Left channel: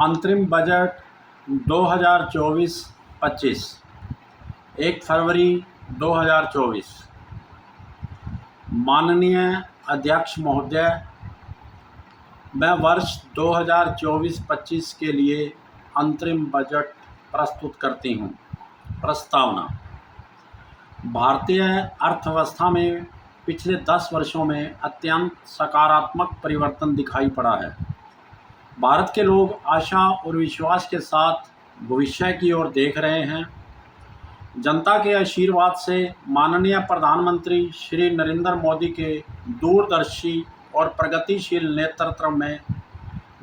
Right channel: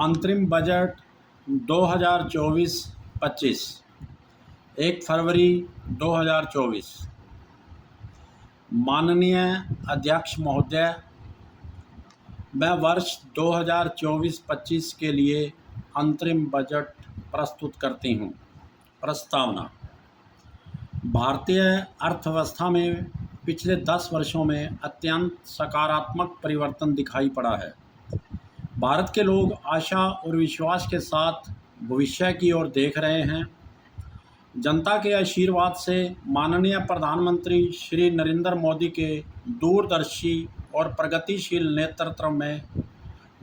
अंतरिम बजट 2024-25 1 फरवरी 2024। माननीय अध्यक्ष महोदय, मैं वर्ष 2024-25 के लिए अंतरिम बजट प्रस्तुत करती हूँ। प्रस्तावना। भारतीय अर्थव्यवस्था में पिछले 10 वर्षों में अत्यंत सकारात्मक परिवर्तन दिखाई पड़ा है। भारत के लोग आशा और विश्वास के साथ भविष्य की ओर देख रहे हैं। जनता के आशीर्वाद से माननीय प्रधानमंत्री श्री नरेंद्र मोदी के दूरदर्शी और प्रगतिशील नेतृत्व में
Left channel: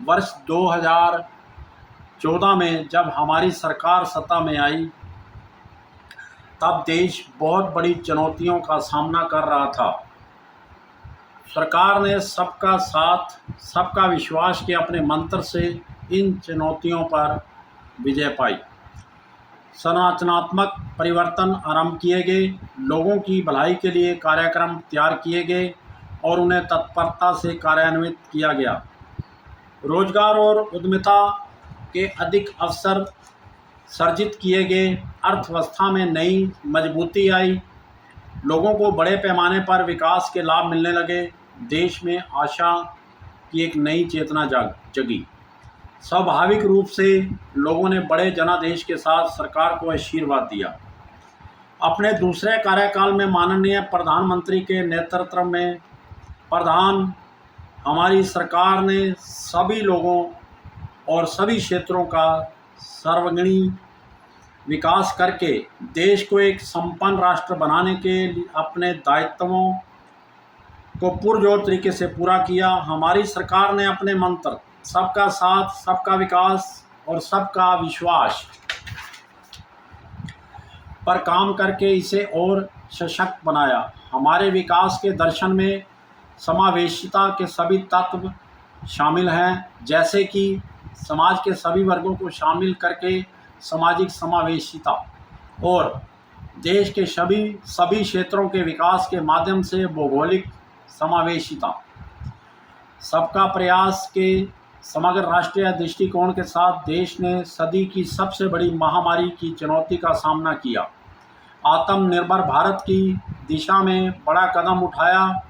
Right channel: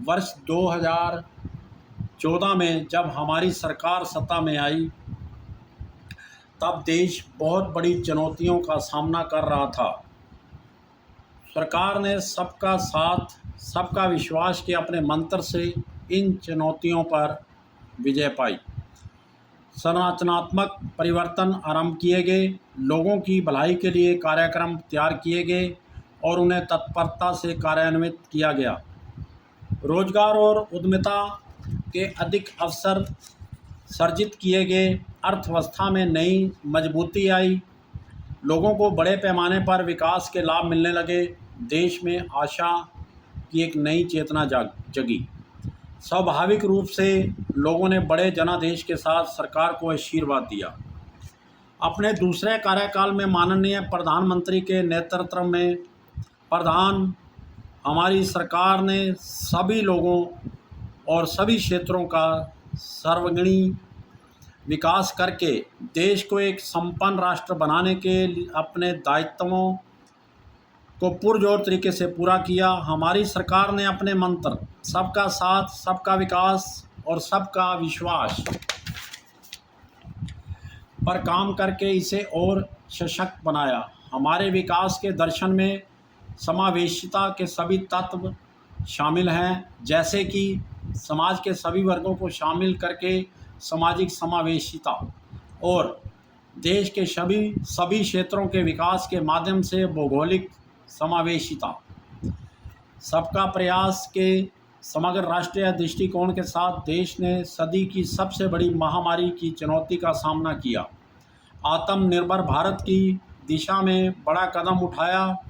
वर्ष 2014 में जब हमारी सरकार सत्ता में आई, तब देश बहुत बड़ी चुनौतियों का सामना कर रहा था। सरकार ने सबका साथ, सबका विश्वास के अपने मंत्र से इन चुनौतियों पर विजय पाई। संरचनात्मक परिवर्तन आरंभ किए गए, लोगों की भलाई के लिए कार्यक्रम तैयार किए गए और उन्हें तत्परता से कार्यान्वित किया गया। रोजगार और उद्यमिता के अधिक अवसर सर्जित किए गए, अर्थव्यवस्था में नई मजबूती आई, लोगों को बड़े पैमाने पर विकास के लाभ मिलने लगे, देश में आशा की एक नई चेतना जगी। स्वाभाविक रूप से लोगों ने बड़े जनादेश के साथ सरकार को आशीर्वाद दिया। अपने दूसरे कार्यकाल में माननीय प्रधानमंत्री के नेतृत्व में हमारी सरकार ने सभी लोगों और सभी क्षेत्रों का सर्वांगीण विकास करके देश को एक संपन्न राष्ट्र बनाने के अपने दायित्वों को पुरजोर तरीके से पूरा किया। हमारी सरकार ने अपने मंत्र सबका साथ, सबका विकास और सबका विश्वास पर काम करके इसे और सशक्त बनाया। हमारे विकास के दर्शन में समावेशिता के सभी तत्व शामिल हैं, जैसे कि समाज के सभी वर्गों को शामिल करके सामाजिक समावेशिता और देश के सभी क्षेत्रों के विकास के माध्यम से भौगोलिक समावेशिता। सबका प्रयास के समग्र राष्ट्रीय दृष्टिकोण के साथ देश ने सदी की सबसे बड़ी महामारी की चुनौती का सामना किया। आत्मनिर्भर भारत की दिशा में बड़ा कदम उठाया,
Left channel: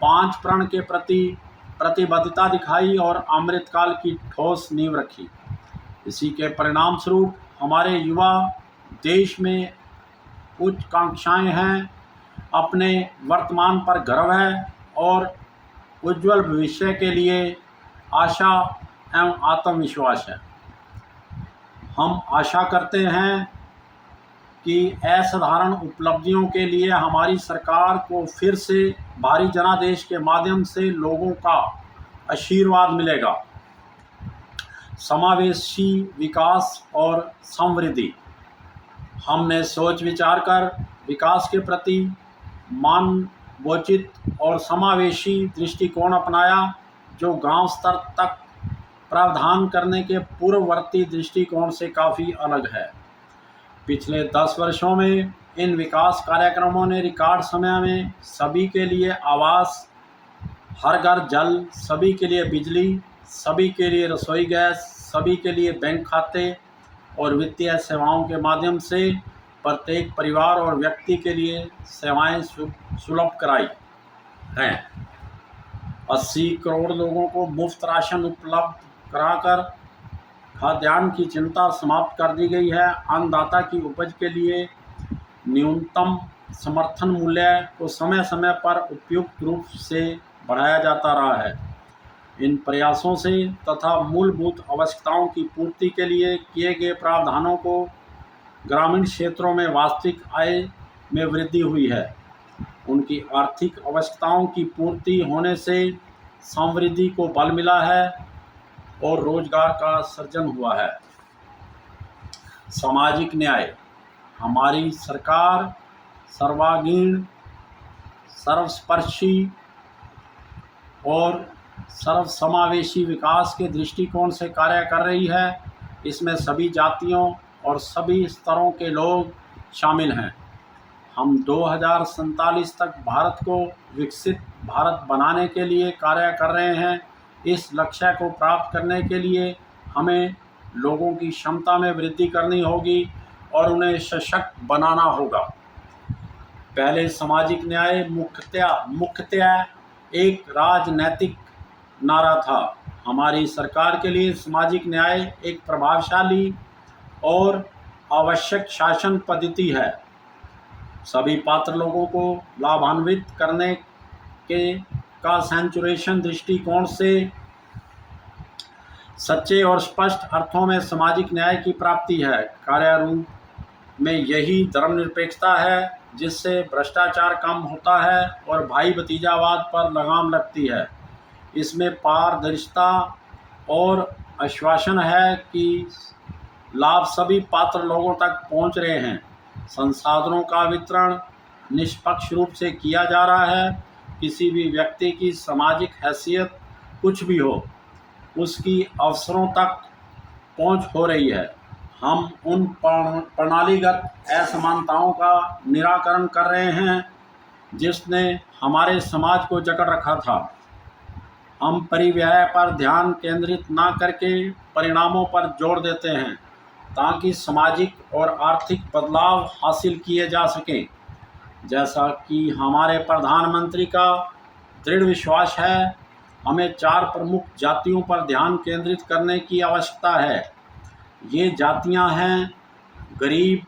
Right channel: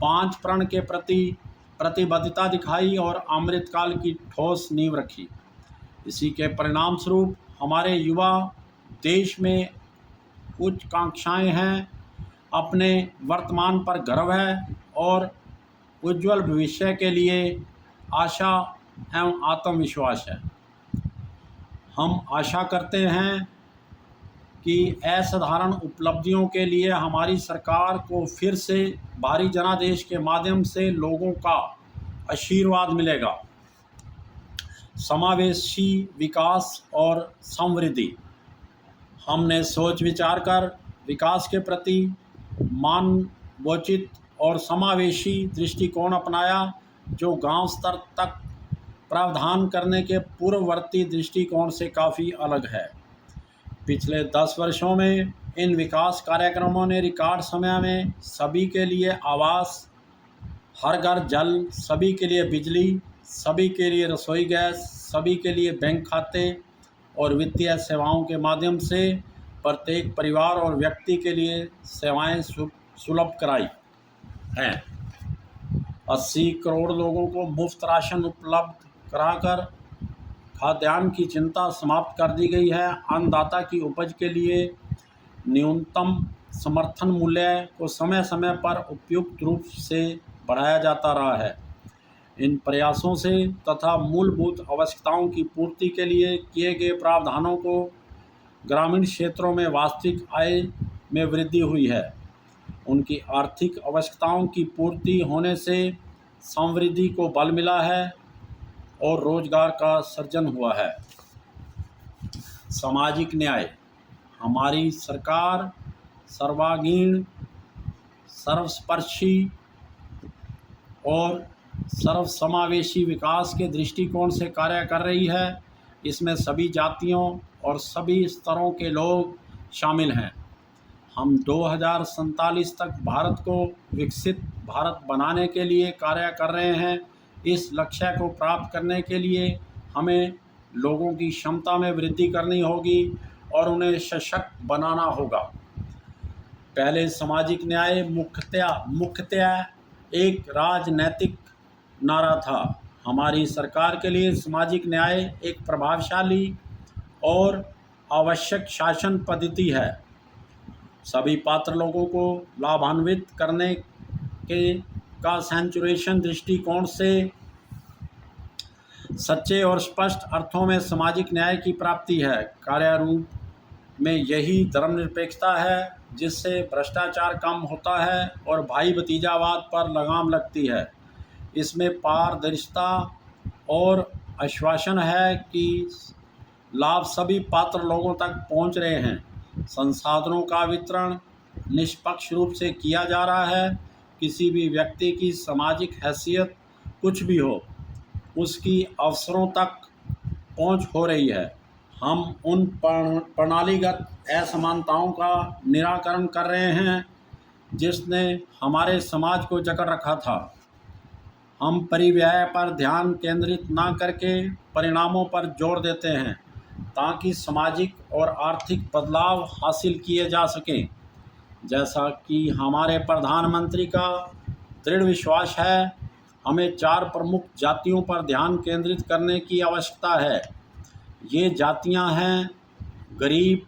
5 प्रण के प्रति प्रतिबद्धता दिखाई और अमृतकाल की ठोस नींव रखी। इसी के परिणाम स्वरूप हमारे युवा देश में उच्च कांक्षाएं हैं, अपने वर्तमान पर गर्व है और उज्जवल भविष्य के लिए आशा एवं आत्मविश्वास है। हम आशा करते हैं कि असाधारण उपलब्धियों के लिए हमारी सरकार को फिर से भारी जनादेश के माध्यम से लोगों का आशीर्वाद मिलेगा। समावेशी विकास और समृद्धि। हमने सोच विचार कर विकास के प्रति मानवोचित और समावेशी दृष्टिकोण अपनाया, जो गांव स्तर तक प्रावधान करने के पूर्ववर्ती दृष्टिकोण से काफ़ी अलग है। पिछले 10 वर्षों में इन विकास कार्यक्रमों ने रिकॉर्ड समय में सभी के लिए आवास, हर घर जल, सभी के लिए बिजली, सभी के लिए रसोई गैस, सभी के लिए बैंक खाते और वित्तीय सेवाओं के माध्यम से प्रत्येक परिवार और व्यक्ति के लिए सेवाएं सुलभ कराई हैं। 80 करोड़ लोगों को मुफ्त राशन उपलब्ध कराकर खाद्यान्न की चिंता समाप्त कर दी गई है। अन्नदाता की उपज के लिए न्यूनतम समर्थन मूल्य को समय समय पर उपयुक्त रूप से बढ़ाया जाता रहा है। इन प्रयासों से तथा मूलभूत आवश्यकताओं की पूर्ति के लिए किए गए प्रावधानों को ग्रामीण क्षेत्रों में वास्तविक आय में वृद्धि हुई है। उनकी आर्थिक आवश्यकताओं की पूर्ति होने से समृद्धि को बल मिला है और रोजगार का सृजन हुआ है। सामाजिक न्याय। हमारी सरकार सर्वांगीण, सर्वस्पर्शी और सर्वसमावेशी विकास के दृष्टिकोण से कार्य कर रही है। इसमें सभी जातियों और सभी स्तरों के लोग शामिल हैं। हम 2047 तक भारत को विकसित भारत बनाने के लिए कार्य कर रहे हैं। इस लक्ष्य को प्राप्त करने के लिए हमें लोगों की क्षमता में वृद्धि करनी होगी और उन्हें सशक्त बनाना होगा। पहले सामाजिक न्याय मुख्यतया एक राजनैतिक नारा था। हमारी सरकार के लिए सामाजिक न्याय एक प्रभावशाली और आवश्यक शासन पद्धति है। सभी पात्र लोगों को लाभान्वित करने के का सेंचुरेशन दृष्टिकोण से सच्चे और स्पष्ट अर्थों में सामाजिक न्याय की प्राप्ति है। कार्यारूप में यही धर्मनिरपेक्षता है जिससे भ्रष्टाचार कम होता है और भाई भतीजावाद पर लगाम लगती है। इसमें पारदर्शिता और आश्वासन है कि लाभ सभी पात्र लोगों तक पहुंच रहे हैं। संसाधनों का वितरण निष्पक्ष रूप से किया जा रहा है। किसी भी व्यक्ति की सामाजिक हैसियत कुछ भी हो, उसकी अवसरों तक पहुंच हो रही है। हम उन प्रणालीगत असमानताओं का निराकरण कर रहे हैं जिसने हमारे समाज को जकड़ रखा था। हम परिव्यय पर ध्यान केंद्रित न करके परिणामों पर जोर देते हैं ताकि सामाजिक और आर्थिक बदलाव हासिल किए जा सकें। जैसा कि हमारे प्रधानमंत्री का दृढ़ विश्वास है, हमें 4 प्रमुख जातियों पर ध्यान केंद्रित करने की आवश्यकता है। ये जातियां हैं गरीब,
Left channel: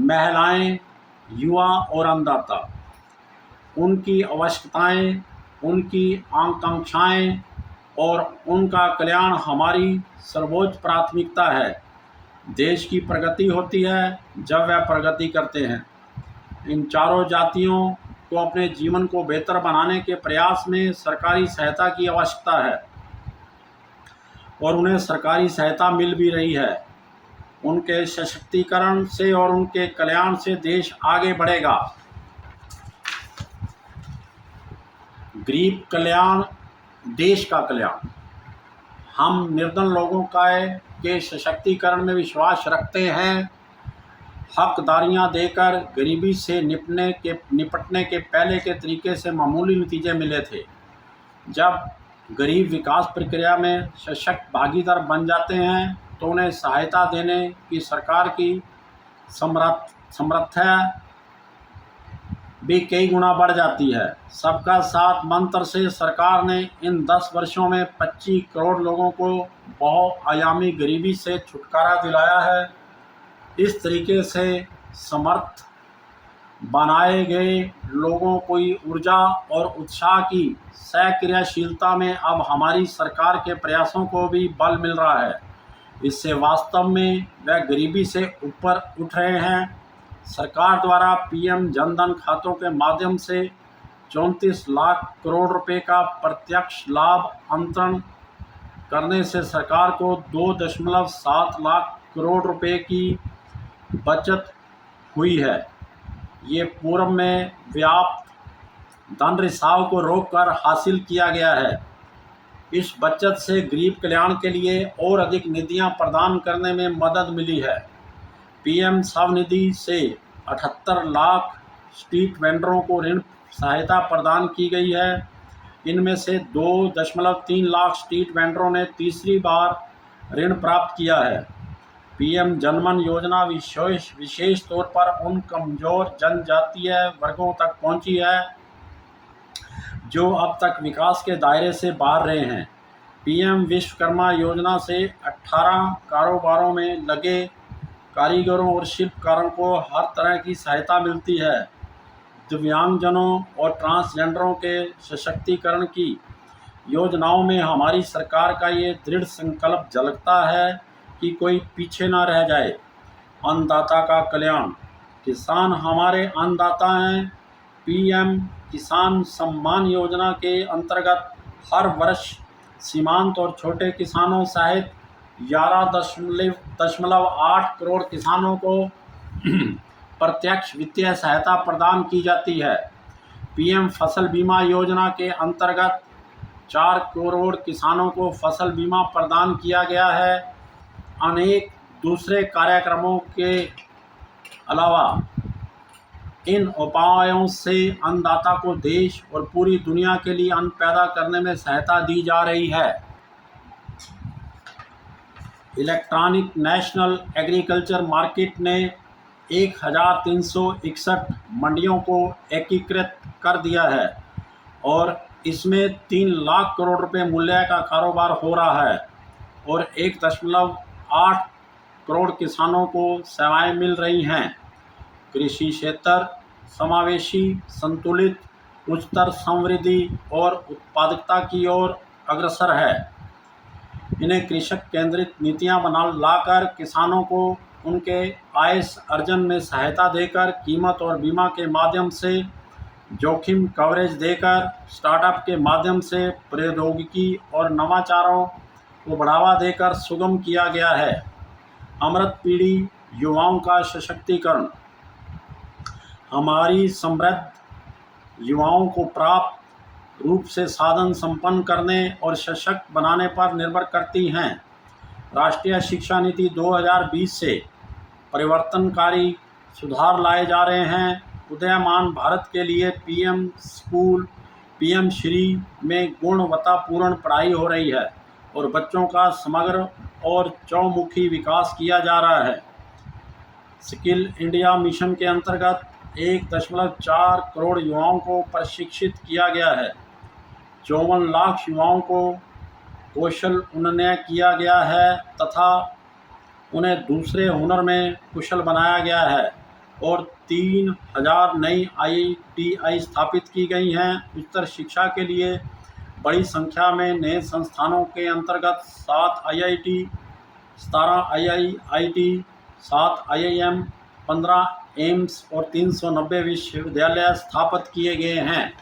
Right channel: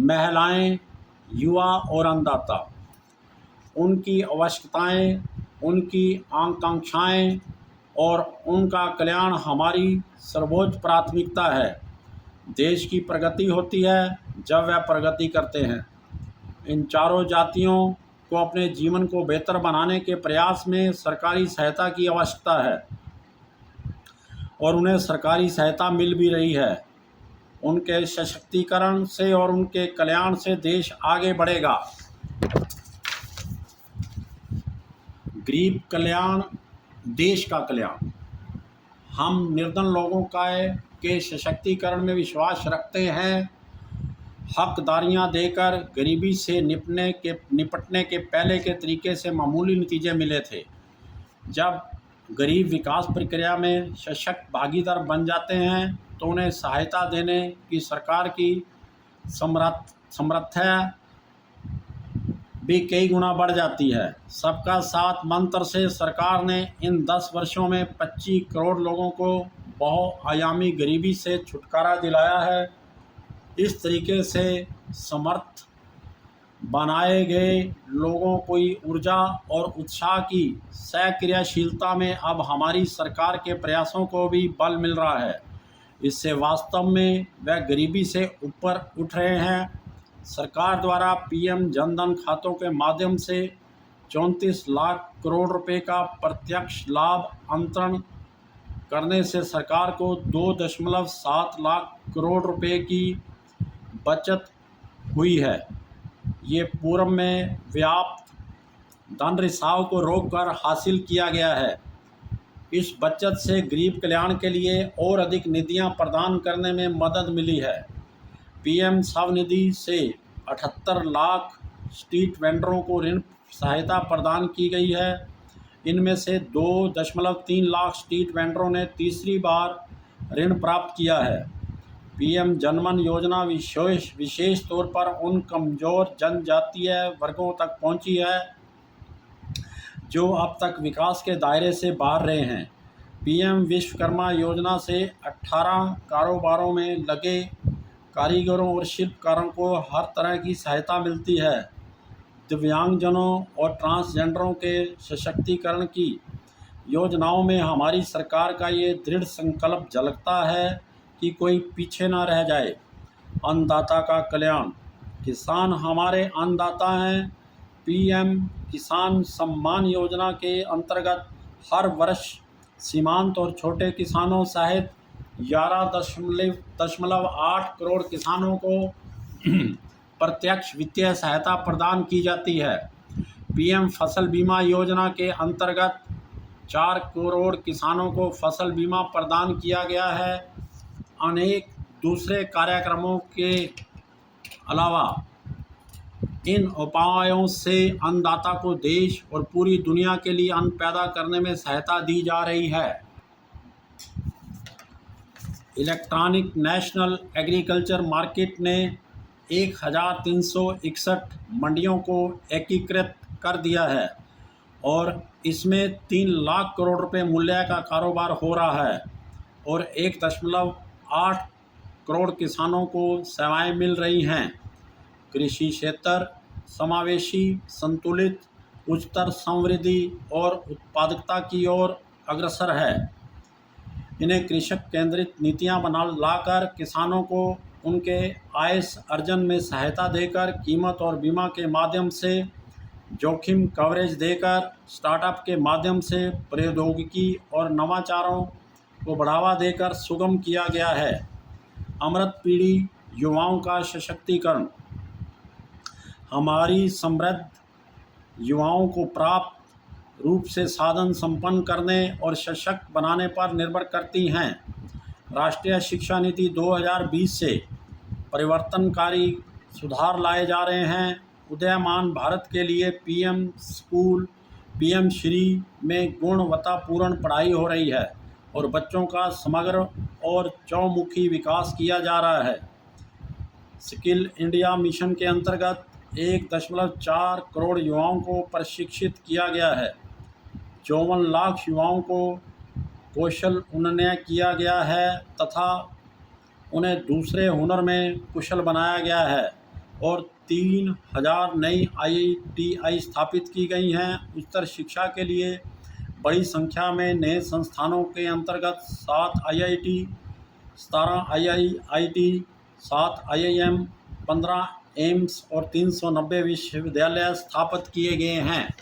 महिलाएं, युवा और अन्नदाता। उनकी आवश्यकताएं, उनकी आकांक्षाएं और उनका कल्याण हमारी सर्वोच्च प्राथमिकता है। देश की प्रगति होती है जब वह प्रगति करते हैं। इन चारों जातियों को अपने जीवन को बेहतर बनाने के प्रयास में सरकारी सहायता की आवश्यकता है और उन्हें सरकारी सहायता मिल भी रही है। उनके सशक्तिकरण से और उनके कल्याण से देश आगे बढ़ेगा। गरीब कल्याण, देश का कल्याण। हम निर्धन लोगों के सशक्तिकरण में विश्वास रखते हैं। हकदारियां देकर गरीबी से निपटने के पहले के तरीके से मामूली नतीजे मिले थे। जब गरीब विकास प्रक्रिया में सशक्त भागीदार बन जाते हैं तो उन्हें सहायता देने की सरकार की समर्थता भी कई गुना बढ़ जाती है। सबका साथ मंत्र से सरकार ने इन 10 वर्षों में 25 करोड़ लोगों को बहुआयामी गरीबी से छुटकारा दिलाया है। इस तरीके से समर्थ बनाए गए लोगों की ऊर्जा और उत्साह की सक्रियशीलता में अब हमारी सरकार के प्रयासों को भी बल मिल रहा है। इससे वास्तव में वह गरीबी से ऊपर उठ रहे हैं। सरकार द्वारा पीएम जनधन खातों के माध्यम से 34 लाख करोड़ रुपए का प्रत्यक्ष लाभ अंतरण करने से सरकार को 2.7 लाख करोड़ रुपए की बचत हुई है। ये पूर्व में व्याप्त धन रिसाव को रोककर हासिल किया गया है। इस बचत से गरीब कल्याण के लिए और अधिक निधियां प्रदान करने में मदद मिली है। पीएम स्वनिधि से 78 लाख स्ट्रीट वेंडरों को ऋण सहायता प्रदान की गई है। इनमें से 2.3 लाख स्ट्रीट वेंडरों ने तीसरी बार ऋण प्राप्त किया है। पीएम जनधन योजना विशेष तौर पर उन कमजोर जनजातीय वर्गों तक पहुंची है जो अब तक विकास के दायरे से बाहर रहे हैं। पीएम विश्वकर्मा योजना से 18 कारोबारों में लगे कारीगरों और शिल्पकारों को हर तरह की सहायता मिलती है। दिव्यांगजनों और ट्रांसजेंडरों के सशक्तिकरण की योजनाओं में हमारी सरकार का ये दृढ़ संकल्प झलकता है कि कोई पीछे ना रह जाए। अन्नदाता का कल्याण। किसान हमारे अन्नदाता हैं। पीएम किसान सम्मान योजना के अंतर्गत हर वर्ष सीमांत और छोटे किसानों सहित 11.8 करोड़ किसानों को प्रत्यक्ष वित्तीय सहायता प्रदान की जाती है। पीएम फसल बीमा योजना के अंतर्गत 4 करोड़ किसानों को फसल बीमा प्रदान किया गया है। अनेक दूसरे कार्यक्रमों के अलावा इन उपायों से अन्नदाता को देश और पूरी दुनिया के लिए अन्न पैदा करने में सहायता दी जा रही है। इलेक्ट्रॉनिक नेशनल एग्रीकल्चर मार्केट ने 1361 मंडियों को एकीकृत कर दिया है और इसमें 3 लाख करोड़ रुपए मूल्य का कारोबार हो रहा है और 1.8 करोड़ किसानों को सेवाएं मिल रही हैं। कृषि क्षेत्र समावेशी, संतुलित, उच्चतर समृद्धि और उत्पादकता की ओर अग्रसर है। इन्हें कृषक केंद्रित नीतियां बना लाकर किसानों को उनके आय अर्जन में सहायता देकर, कीमत और बीमा के माध्यम से, जोखिम कवरेज देकर, स्टार्टअप के माध्यम से, प्रौद्योगिकी और नवाचारों को बढ़ावा देकर सुगम किया गया है। अमृत पीढ़ी युवाओं का सशक्तिकरण। हमारी समृद्ध युवाओं को प्राप्त रूप से साधन संपन्न करने और सशक्त बनाने पर निर्भर करती हैं। राष्ट्रीय शिक्षा नीति 2020 से परिवर्तनकारी सुधार लाए जा रहे हैं। उदयमान भारत के लिए पीएम स्कूल, पीएम श्री में गुणवत्तापूर्ण पढ़ाई हो रही है और बच्चों का समग्र और चौमुखी विकास किया जा रहा है। स्किल इंडिया मिशन के अंतर्गत 1.4 करोड़ युवाओं को प्रशिक्षित किया गया है। 54 लाख युवाओं को कौशल उन्नयन किया गया है तथा उन्हें दूसरे हुनर में कुशल बनाया गया है और 3000 नई ITI स्थापित की गई हैं। उच्चतर शिक्षा के लिए बड़ी संख्या में नए संस्थानों के अंतर्गत 7 IIT, 17 IIIT, 7 IIM, 15 एम्स और 390 विश्वविद्यालय स्थापित किए गए हैं।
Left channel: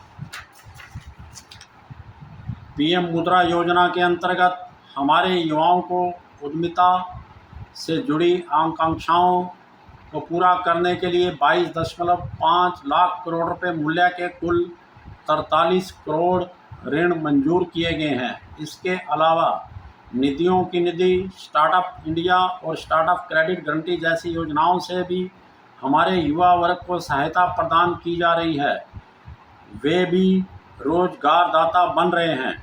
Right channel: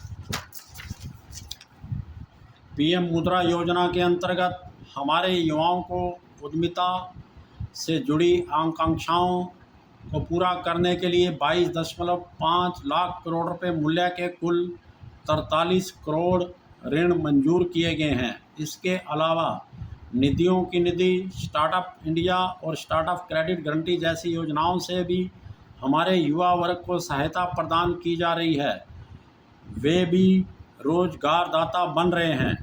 पीएम मुद्रा योजना के अंतर्गत हमारे युवाओं को उद्यमिता से जुड़ी आकांक्षाओं को पूरा करने के लिए 22.5 लाख करोड़ रुपए मूल्य के कुल 43 करोड़ ऋण मंजूर किए गए हैं। इसके अलावा निधियों की निधि, स्टार्टअप इंडिया और स्टार्टअप क्रेडिट गारंटी जैसी योजनाओं से भी हमारे युवा वर्ग को सहायता प्रदान की जा रही है। वे भी रोजगारदाता बन रहे हैं।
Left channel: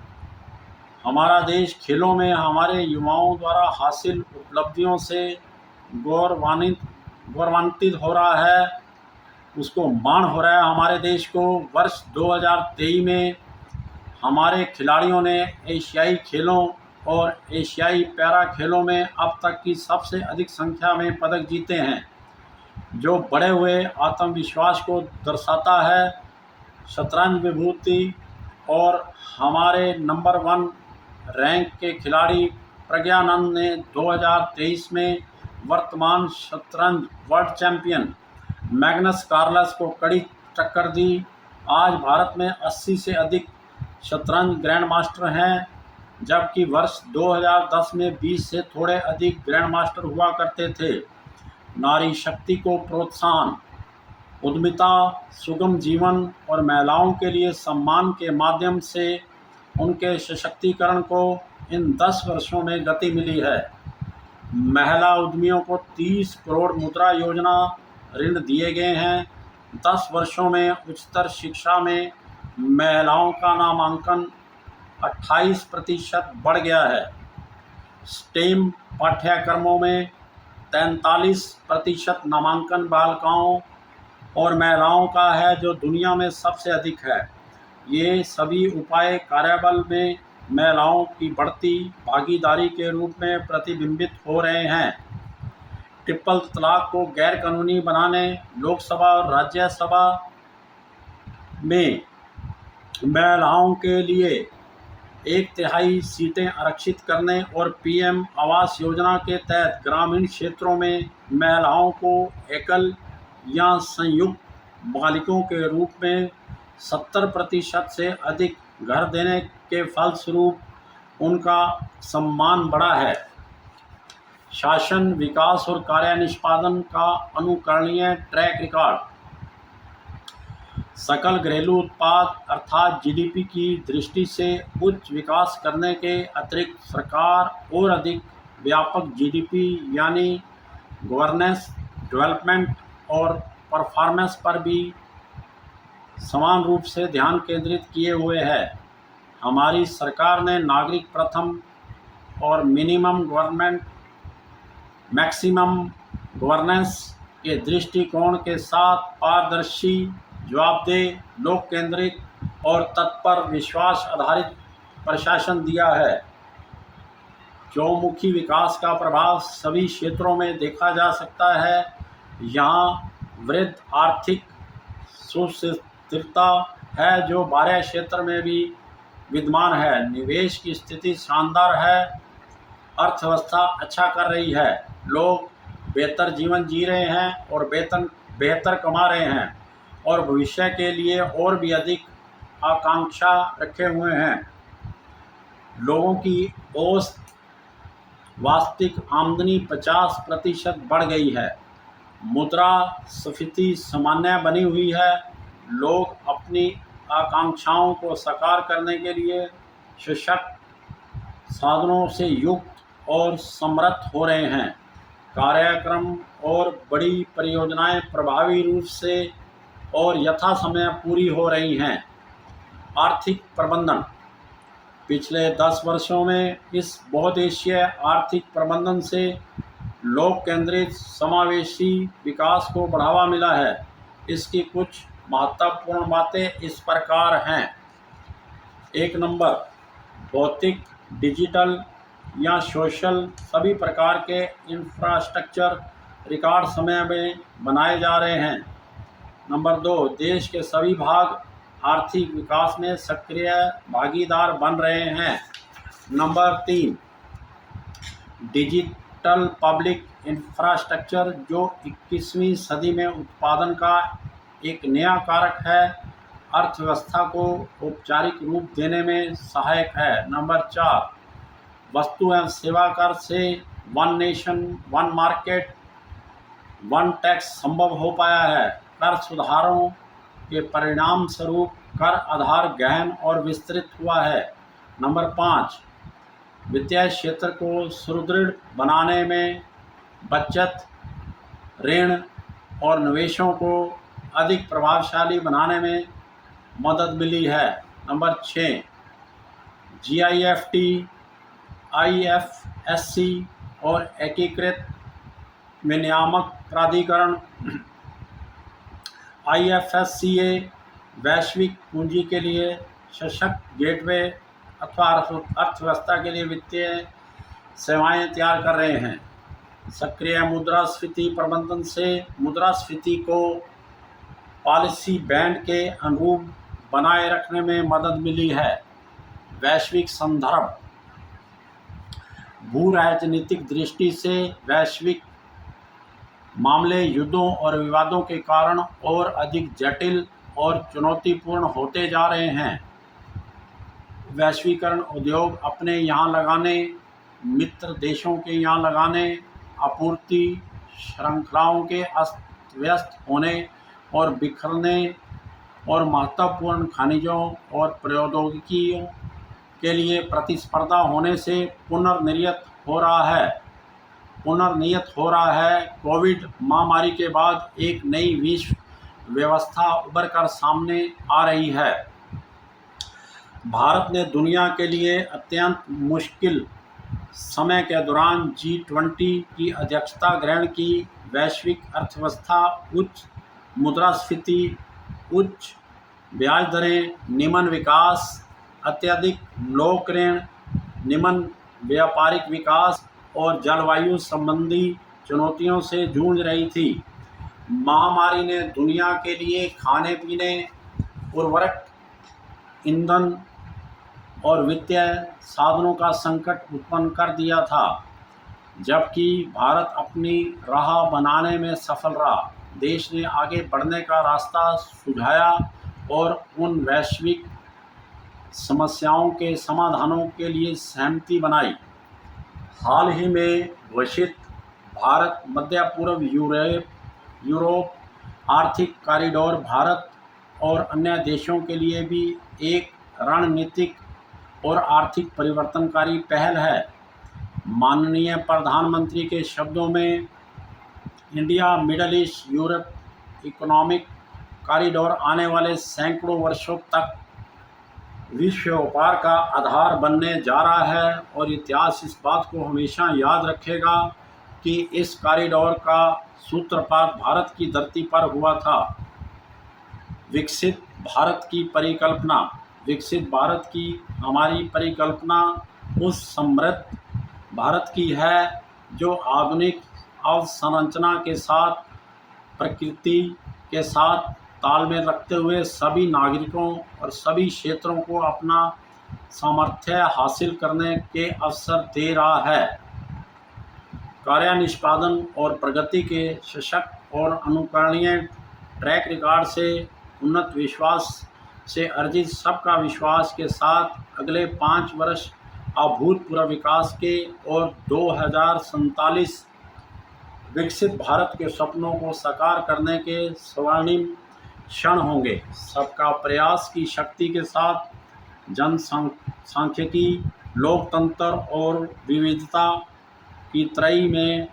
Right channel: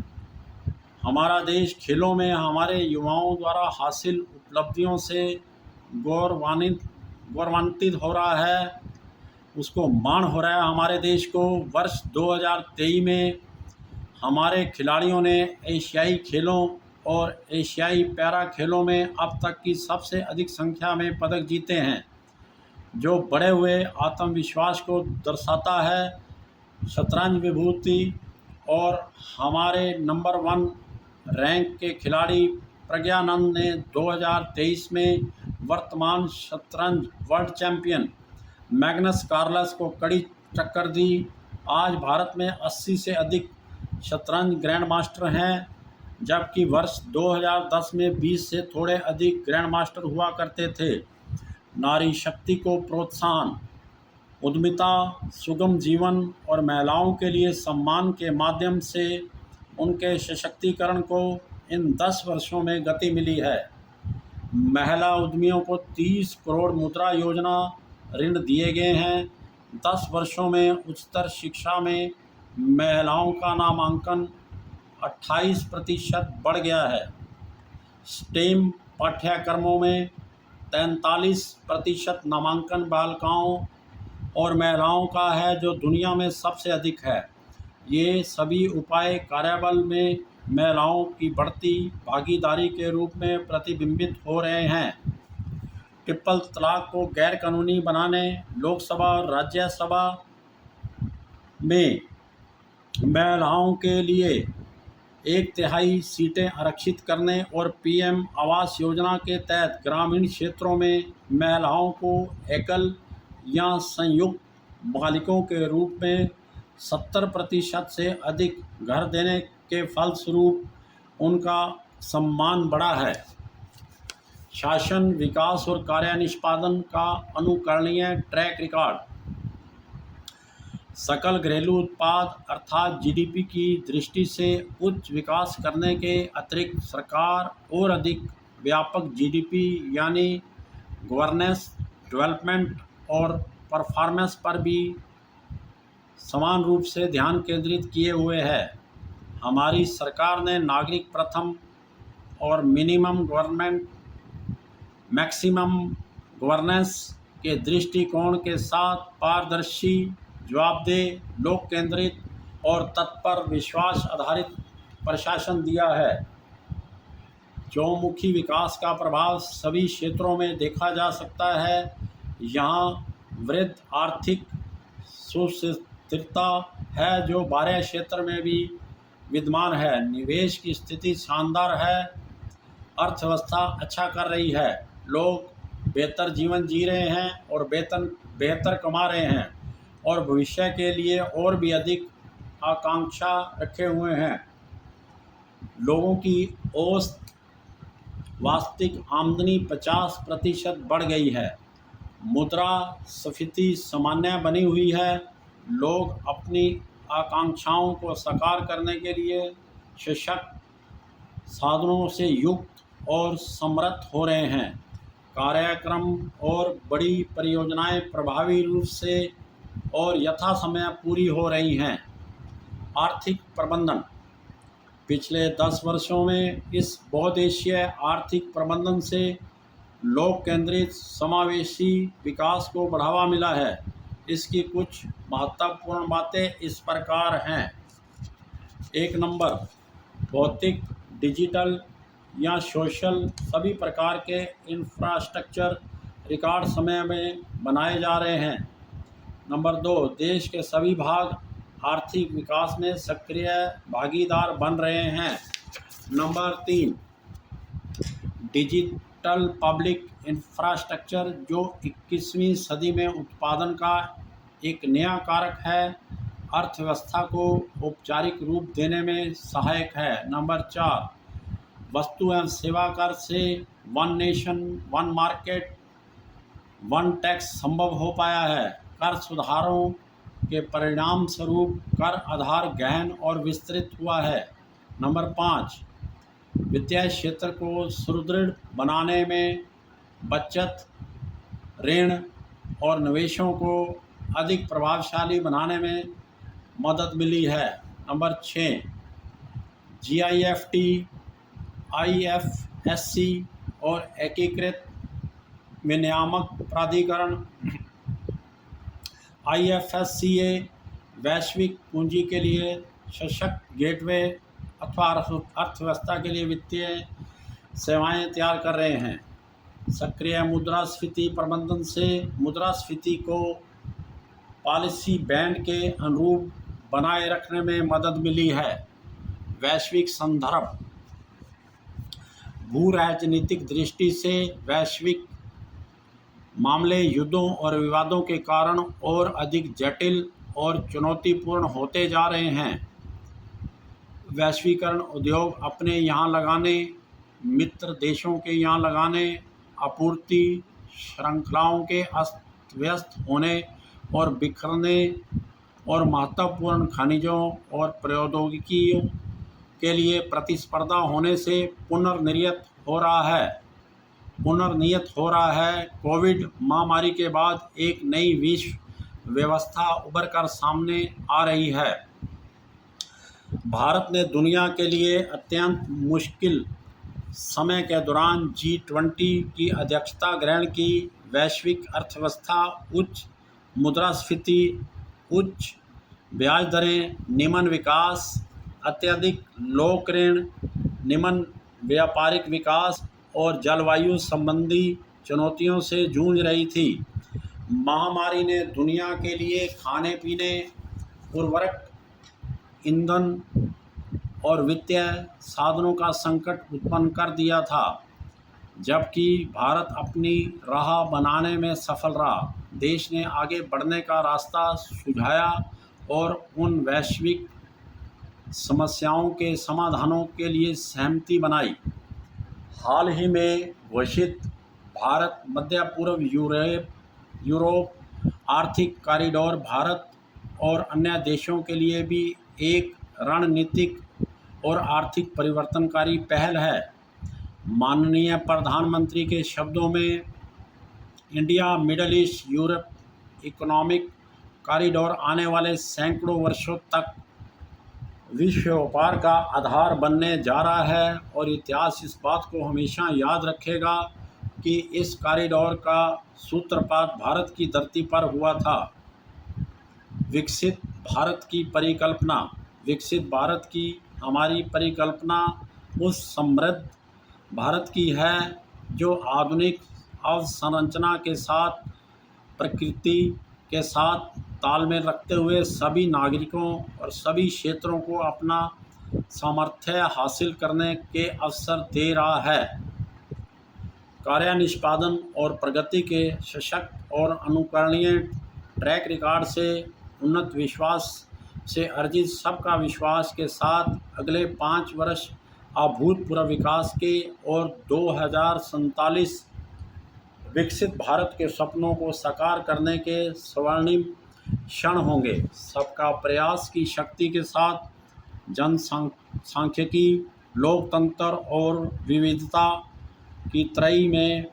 हमारा देश खेलों में हमारे युवाओं द्वारा हासिल उपलब्धियों से गौरवान्वित हो रहा है, उसको मान हो रहा है। हमारे देश को वर्ष 2023 में हमारे खिलाड़ियों ने एशियाई खेलों और एशियाई पैरा खेलों में अब तक की सबसे अधिक संख्या में पदक जीते हैं, जो बढ़े हुए आत्मविश्वास को दर्शाता है। शतरंज विभूति और हमारे नंबर 1 रैंक के खिलाड़ी प्रज्ञानंद ने 2023 में वर्तमान शतरंज वर्ल्ड चैंपियन मैग्नस कार्लस को कड़ी टक्कर दी। आज भारत में 80 से अधिक शतरंज ग्रैंड मास्टर हैं, जबकि वर्ष 2010 में 20 से थोड़े अधिक ग्रैंड मास्टर हुआ करते थे। नारी शक्ति को प्रोत्साहन, उद्यमिता, सुगम जीवन और महिलाओं के लिए सम्मान के माध्यम से उनके सशक्तिकरण को इन 10 वर्षों में गति मिली है। महिला उद्यमियों को 30 करोड़ मुद्रा योजना ऋण दिए गए हैं। 10 वर्षों में उच्चतर शिक्षा में महिलाओं का नामांकन 28% बढ़ गया है। स्टेम पाठ्यक्रमों में 43% नामांकन बालिकाओं और महिलाओं का है, जो दुनिया में सबसे अधिक है। ये सभी उपाय कार्यबल में महिलाओं की बढ़ती भागीदारी के रूप में प्रतिबिंबित हो रहे हैं। ट्रिपल तलाक को गैर कानूनी बनाने, लोकसभा और राज्यसभा में महिलाओं के लिए 1/3 सीटें आरक्षित करने और पीएम आवास योजना के तहत ग्रामीण क्षेत्रों में महिलाओं को एकल या संयुक्त मालिकों के रूप में 70% से अधिक घर देने के फलस्वरूप उनका सम्मान बढ़ा है। शासन, विकास और कार्य निष्पादन का अनुकरणीय ट्रैक रिकॉर्ड। सकल घरेलू उत्पाद अर्थात जीडीपी की दृष्टि से उच्च विकास करने के अतिरिक्त सरकार और अधिक व्यापक जीडीपी यानी गवर्नेंस, डेवलपमेंट और परफॉर्मेंस पर भी समान रूप से ध्यान केंद्रित किए हुए है। हमारी सरकार ने नागरिक प्रथम और मिनिमम गवर्नमेंट मैक्सिमम गवर्नेंस के दृष्टिकोण के साथ पारदर्शी, जवाबदेह, लोक केंद्रित और तत्पर विश्वास आधारित प्रशासन दिया है। चौमुखी विकास का प्रभाव सभी क्षेत्रों में देखा जा सकता है। यहाँ वृद्ध आर्थिक सुस्थिरता है जो 12 क्षेत्र में भी विद्यमान है। निवेश की स्थिति शानदार है। अर्थव्यवस्था अच्छा कर रही है। लोग बेहतर जीवन जी रहे हैं और वेतन बेहतर कमा रहे हैं और भविष्य के लिए और भी अधिक आकांक्षा रखे हुए हैं। लोगों की औसत वास्तविक आमदनी 50% बढ़ गई है। मुद्रास्फीति सामान्य बनी हुई है। लोग अपनी आकांक्षाओं को साकार करने के लिए सशक्त साधनों से युक्त और समृद्ध हो रहे हैं। कार्यक्रम और बड़ी परियोजनाएं प्रभावी रूप से और यथासमय पूरी हो रही हैं। आर्थिक प्रबंधन पिछले 10 वर्षों में इस बहुउद्देशीय आर्थिक प्रबंधन से लोक केंद्रित समावेशी विकास को बढ़ावा मिला है। इसकी कुछ महत्वपूर्ण बातें इस प्रकार हैं। 1 नंबर, भौतिक, डिजिटल या सोशल सभी प्रकार के इंफ्रास्ट्रक्चर रिकॉर्ड समय में बनाए जा रहे हैं। नंबर 2, देश के सभी भाग आर्थिक विकास में सक्रिय भागीदार बन रहे हैं। नंबर 3, डिजिटल पब्लिक इंफ्रास्ट्रक्चर जो 21वीं सदी में उत्पादन का एक नया कारक है, अर्थव्यवस्था को औपचारिक रूप देने में सहायक है। नंबर 4, वस्तु एवं सेवा कर से one nation one market one tax संभव हो पाया है। कर सुधारों के परिणाम स्वरूप कर आधार गहन और विस्तृत हुआ है। नंबर 5, वित्तीय क्षेत्र को सुदृढ़ बनाने में बचत, ऋण और निवेशों को अधिक प्रभावशाली बनाने में मदद मिली है। नंबर 6, GIFT, IFSC और एकीकृत विनियामक प्राधिकरण IFSCA वैश्विक पूंजी के लिए सशक्त गेटवे अथवा अर्थव्यवस्था के लिए वित्तीय सेवाएं तैयार कर रहे हैं। सक्रिय मुद्रास्फीति प्रबंधन से मुद्रास्फीति को पॉलिसी बैंड के अनुरूप बनाए रखने में मदद मिली है। वैश्विक संदर्भ, भू राजनीतिक दृष्टि से वैश्विक मामले युद्धों और विवादों के कारण और अधिक जटिल और चुनौतीपूर्ण होते जा रहे हैं। वैश्वीकरण उद्योग अपने यहाँ लगाने, मित्र देशों के यहाँ लगाने, आपूर्ति श्रृंखलाओं के अस्त व्यस्त होने और बिखरने और महत्वपूर्ण खनिजों और प्रौद्योगिकियों के लिए प्रतिस्पर्धा होने से पुनर्निर्मित हो रहा है। कोविड महामारी के बाद एक नई विश्व व्यवस्था उभर कर सामने आ रही है। भारत ने दुनिया के लिए अत्यंत मुश्किल समय के दौरान G20 की अध्यक्षता ग्रहण की। वैश्विक अर्थव्यवस्था, उच्च मुद्रास्फीति, उच्च ब्याज दरें, निम्न विकास, अत्यधिक लोक ऋण, निम्न व्यापारिक विकास और जलवायु संबंधी चुनौतियों से जूझ रही थी। महामारी ने दुनिया के लिए खाने पीने, उर्वरक, ईंधन और वित्तीय साधनों का संकट उत्पन्न कर दिया था, जबकि भारत अपनी राह बनाने में सफल रहा। देश ने आगे बढ़ने का रास्ता सुझाया और उन वैश्विक समस्याओं के समाधानों के लिए सहमति बनाई। हाल ही में घोषित भारत मध्य पूर्व यूरोप आर्थिक कॉरिडोर भारत और अन्य देशों के लिए भी एक रणनीतिक और आर्थिक परिवर्तनकारी पहल है। माननीय प्रधानमंत्री के शब्दों में, India middle east Europe economic corridor आने वाले सैकड़ों वर्षों तक विश्व व्यापार का आधार बनने जा रहा है और इतिहास इस बात को हमेशा याद रखेगा। कि इस कॉरिडोर का सूत्रपात भारत की धरती पर हुआ था। विकसित भारत की परिकल्पना विकसित भारत की हमारी परिकल्पना उस समृद्ध भारत की है जो आधुनिक अवसंरचना के साथ प्रकृति के साथ तालमेल रखते हुए सभी नागरिकों और सभी क्षेत्रों को अपना सामर्थ्य हासिल करने के अवसर दे रहा है। कार्य निष्पादन और प्रगति के सशक्त और अनुकरणीय ट्रैक रिकॉर्ड से उन्नत विश्वास से अर्जित सबका विश्वास के साथ अगले 5 वर्ष अभूतपूर्व विकास के और 2047 विकसित भारत के सपनों को साकार करने के स्वर्णिम क्षण होंगे। सबका प्रयास की शक्ति के साथ जनसांख्यिकी, लोकतंत्र और विविधता की त्रयी में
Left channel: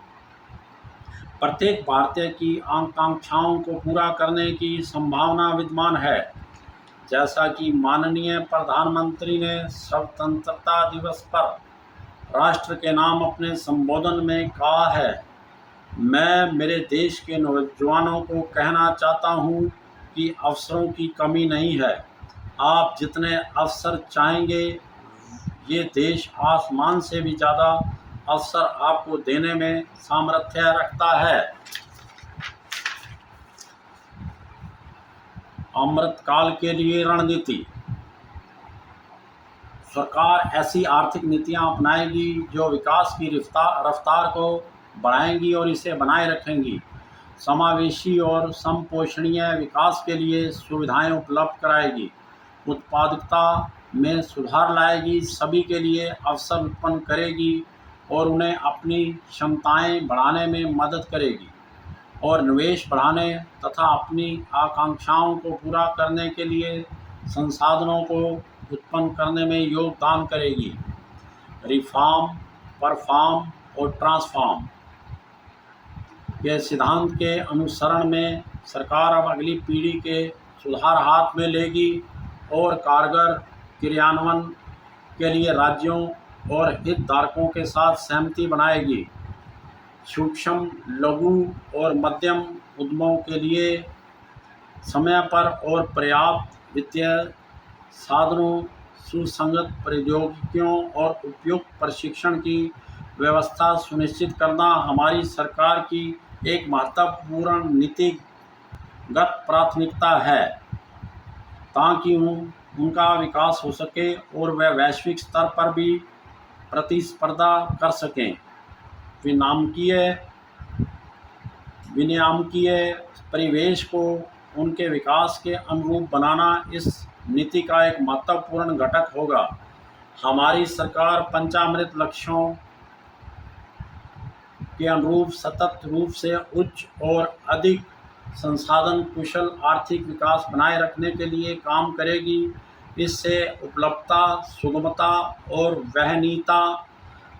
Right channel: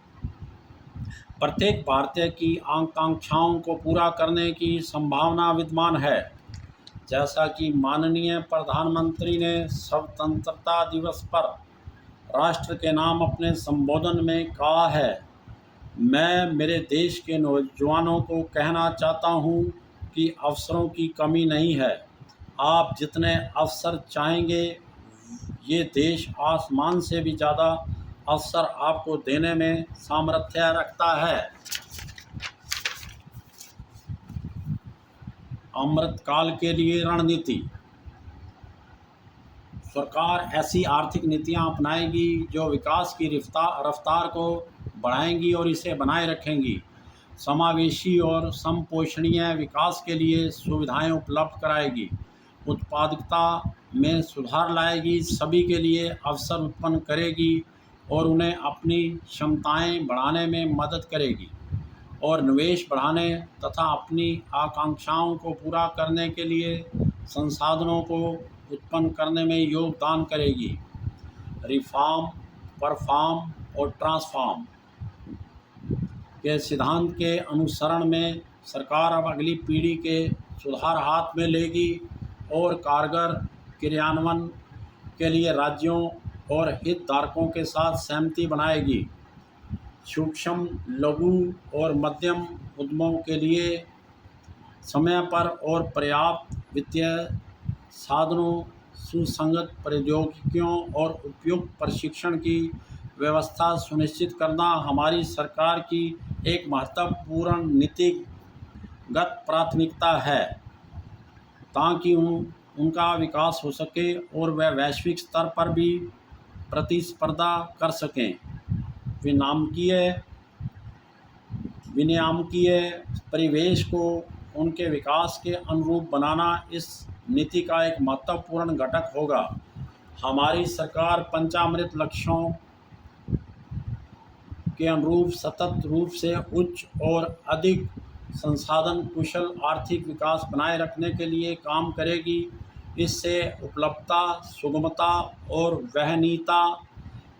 प्रत्येक भारतीय की आकांक्षाओं को पूरा करने की संभावना विद्यमान है। जैसा कि माननीय प्रधानमंत्री ने स्वतंत्रता दिवस पर राष्ट्र के नाम अपने संबोधन में कहा है, मैं मेरे देश के नौजवानों को कहना चाहता हूं कि अवसरों की कमी नहीं है। आप जितने अवसर चाहेंगे, ये देश आसमान से भी ज़्यादा अवसर आपको देने में सामर्थ्य रखता है। अमृतकाल के लिए रणनीति। सरकार ऐसी आर्थिक नीतियां अपनाएगी जो विकास की रफ्तार को बढ़ाएंगी और इसे बनाए रखेंगी। समावेशी और समपोषणीय विकास के लिए सुविधाएं उपलब्ध कराएगी। उत्पादकता में सुधार लाएगी, सभी के लिए अवसर उत्पन्न करेगी और उन्हें अपनी क्षमताएं बढ़ाने में मदद करेगी और निवेश बढ़ाने तथा अपनी आकांक्षाओं को पूरा करने के लिए संसाधनों को उत्पन्न करने में योगदान करेगी। रिफॉर्म, परफॉर्म और ट्रांसफॉर्म के सिद्धांत के अनुसरण में सरकार अब अगली पीढ़ी के सुधार हाथ में लेगी और कारगर क्रियान्वयन के लिए राज्यों और हितधारकों के साथ सहमति बनाएगी। सूक्ष्म, लघु और मध्यम उद्यमों के लिए समय पर और पर्याप्त वित्तीय साधनों, सुसंगत प्रौद्योगिकियों और उपयुक्त प्रशिक्षण की व्यवस्था सुनिश्चित करना हमारी सरकार की एक महत्वपूर्ण नीतिगत प्राथमिकता है, ताकि उनका विकास हो सके और वे वैश्विक स्तर पर भी प्रतिस्पर्धा कर सकें। विनियामकीय परिवेश को उनके विकास के अनुरूप बनाना इस नीति का एक महत्वपूर्ण घटक होगा। हमारी सरकार पंचामृत लक्ष्यों के अनुरूप सतत रूप से उच्च और अधिक संसाधन कुशल आर्थिक विकास बनाए रखने के लिए काम करेगी। इससे उपलब्धता, सुगमता और वहनीयता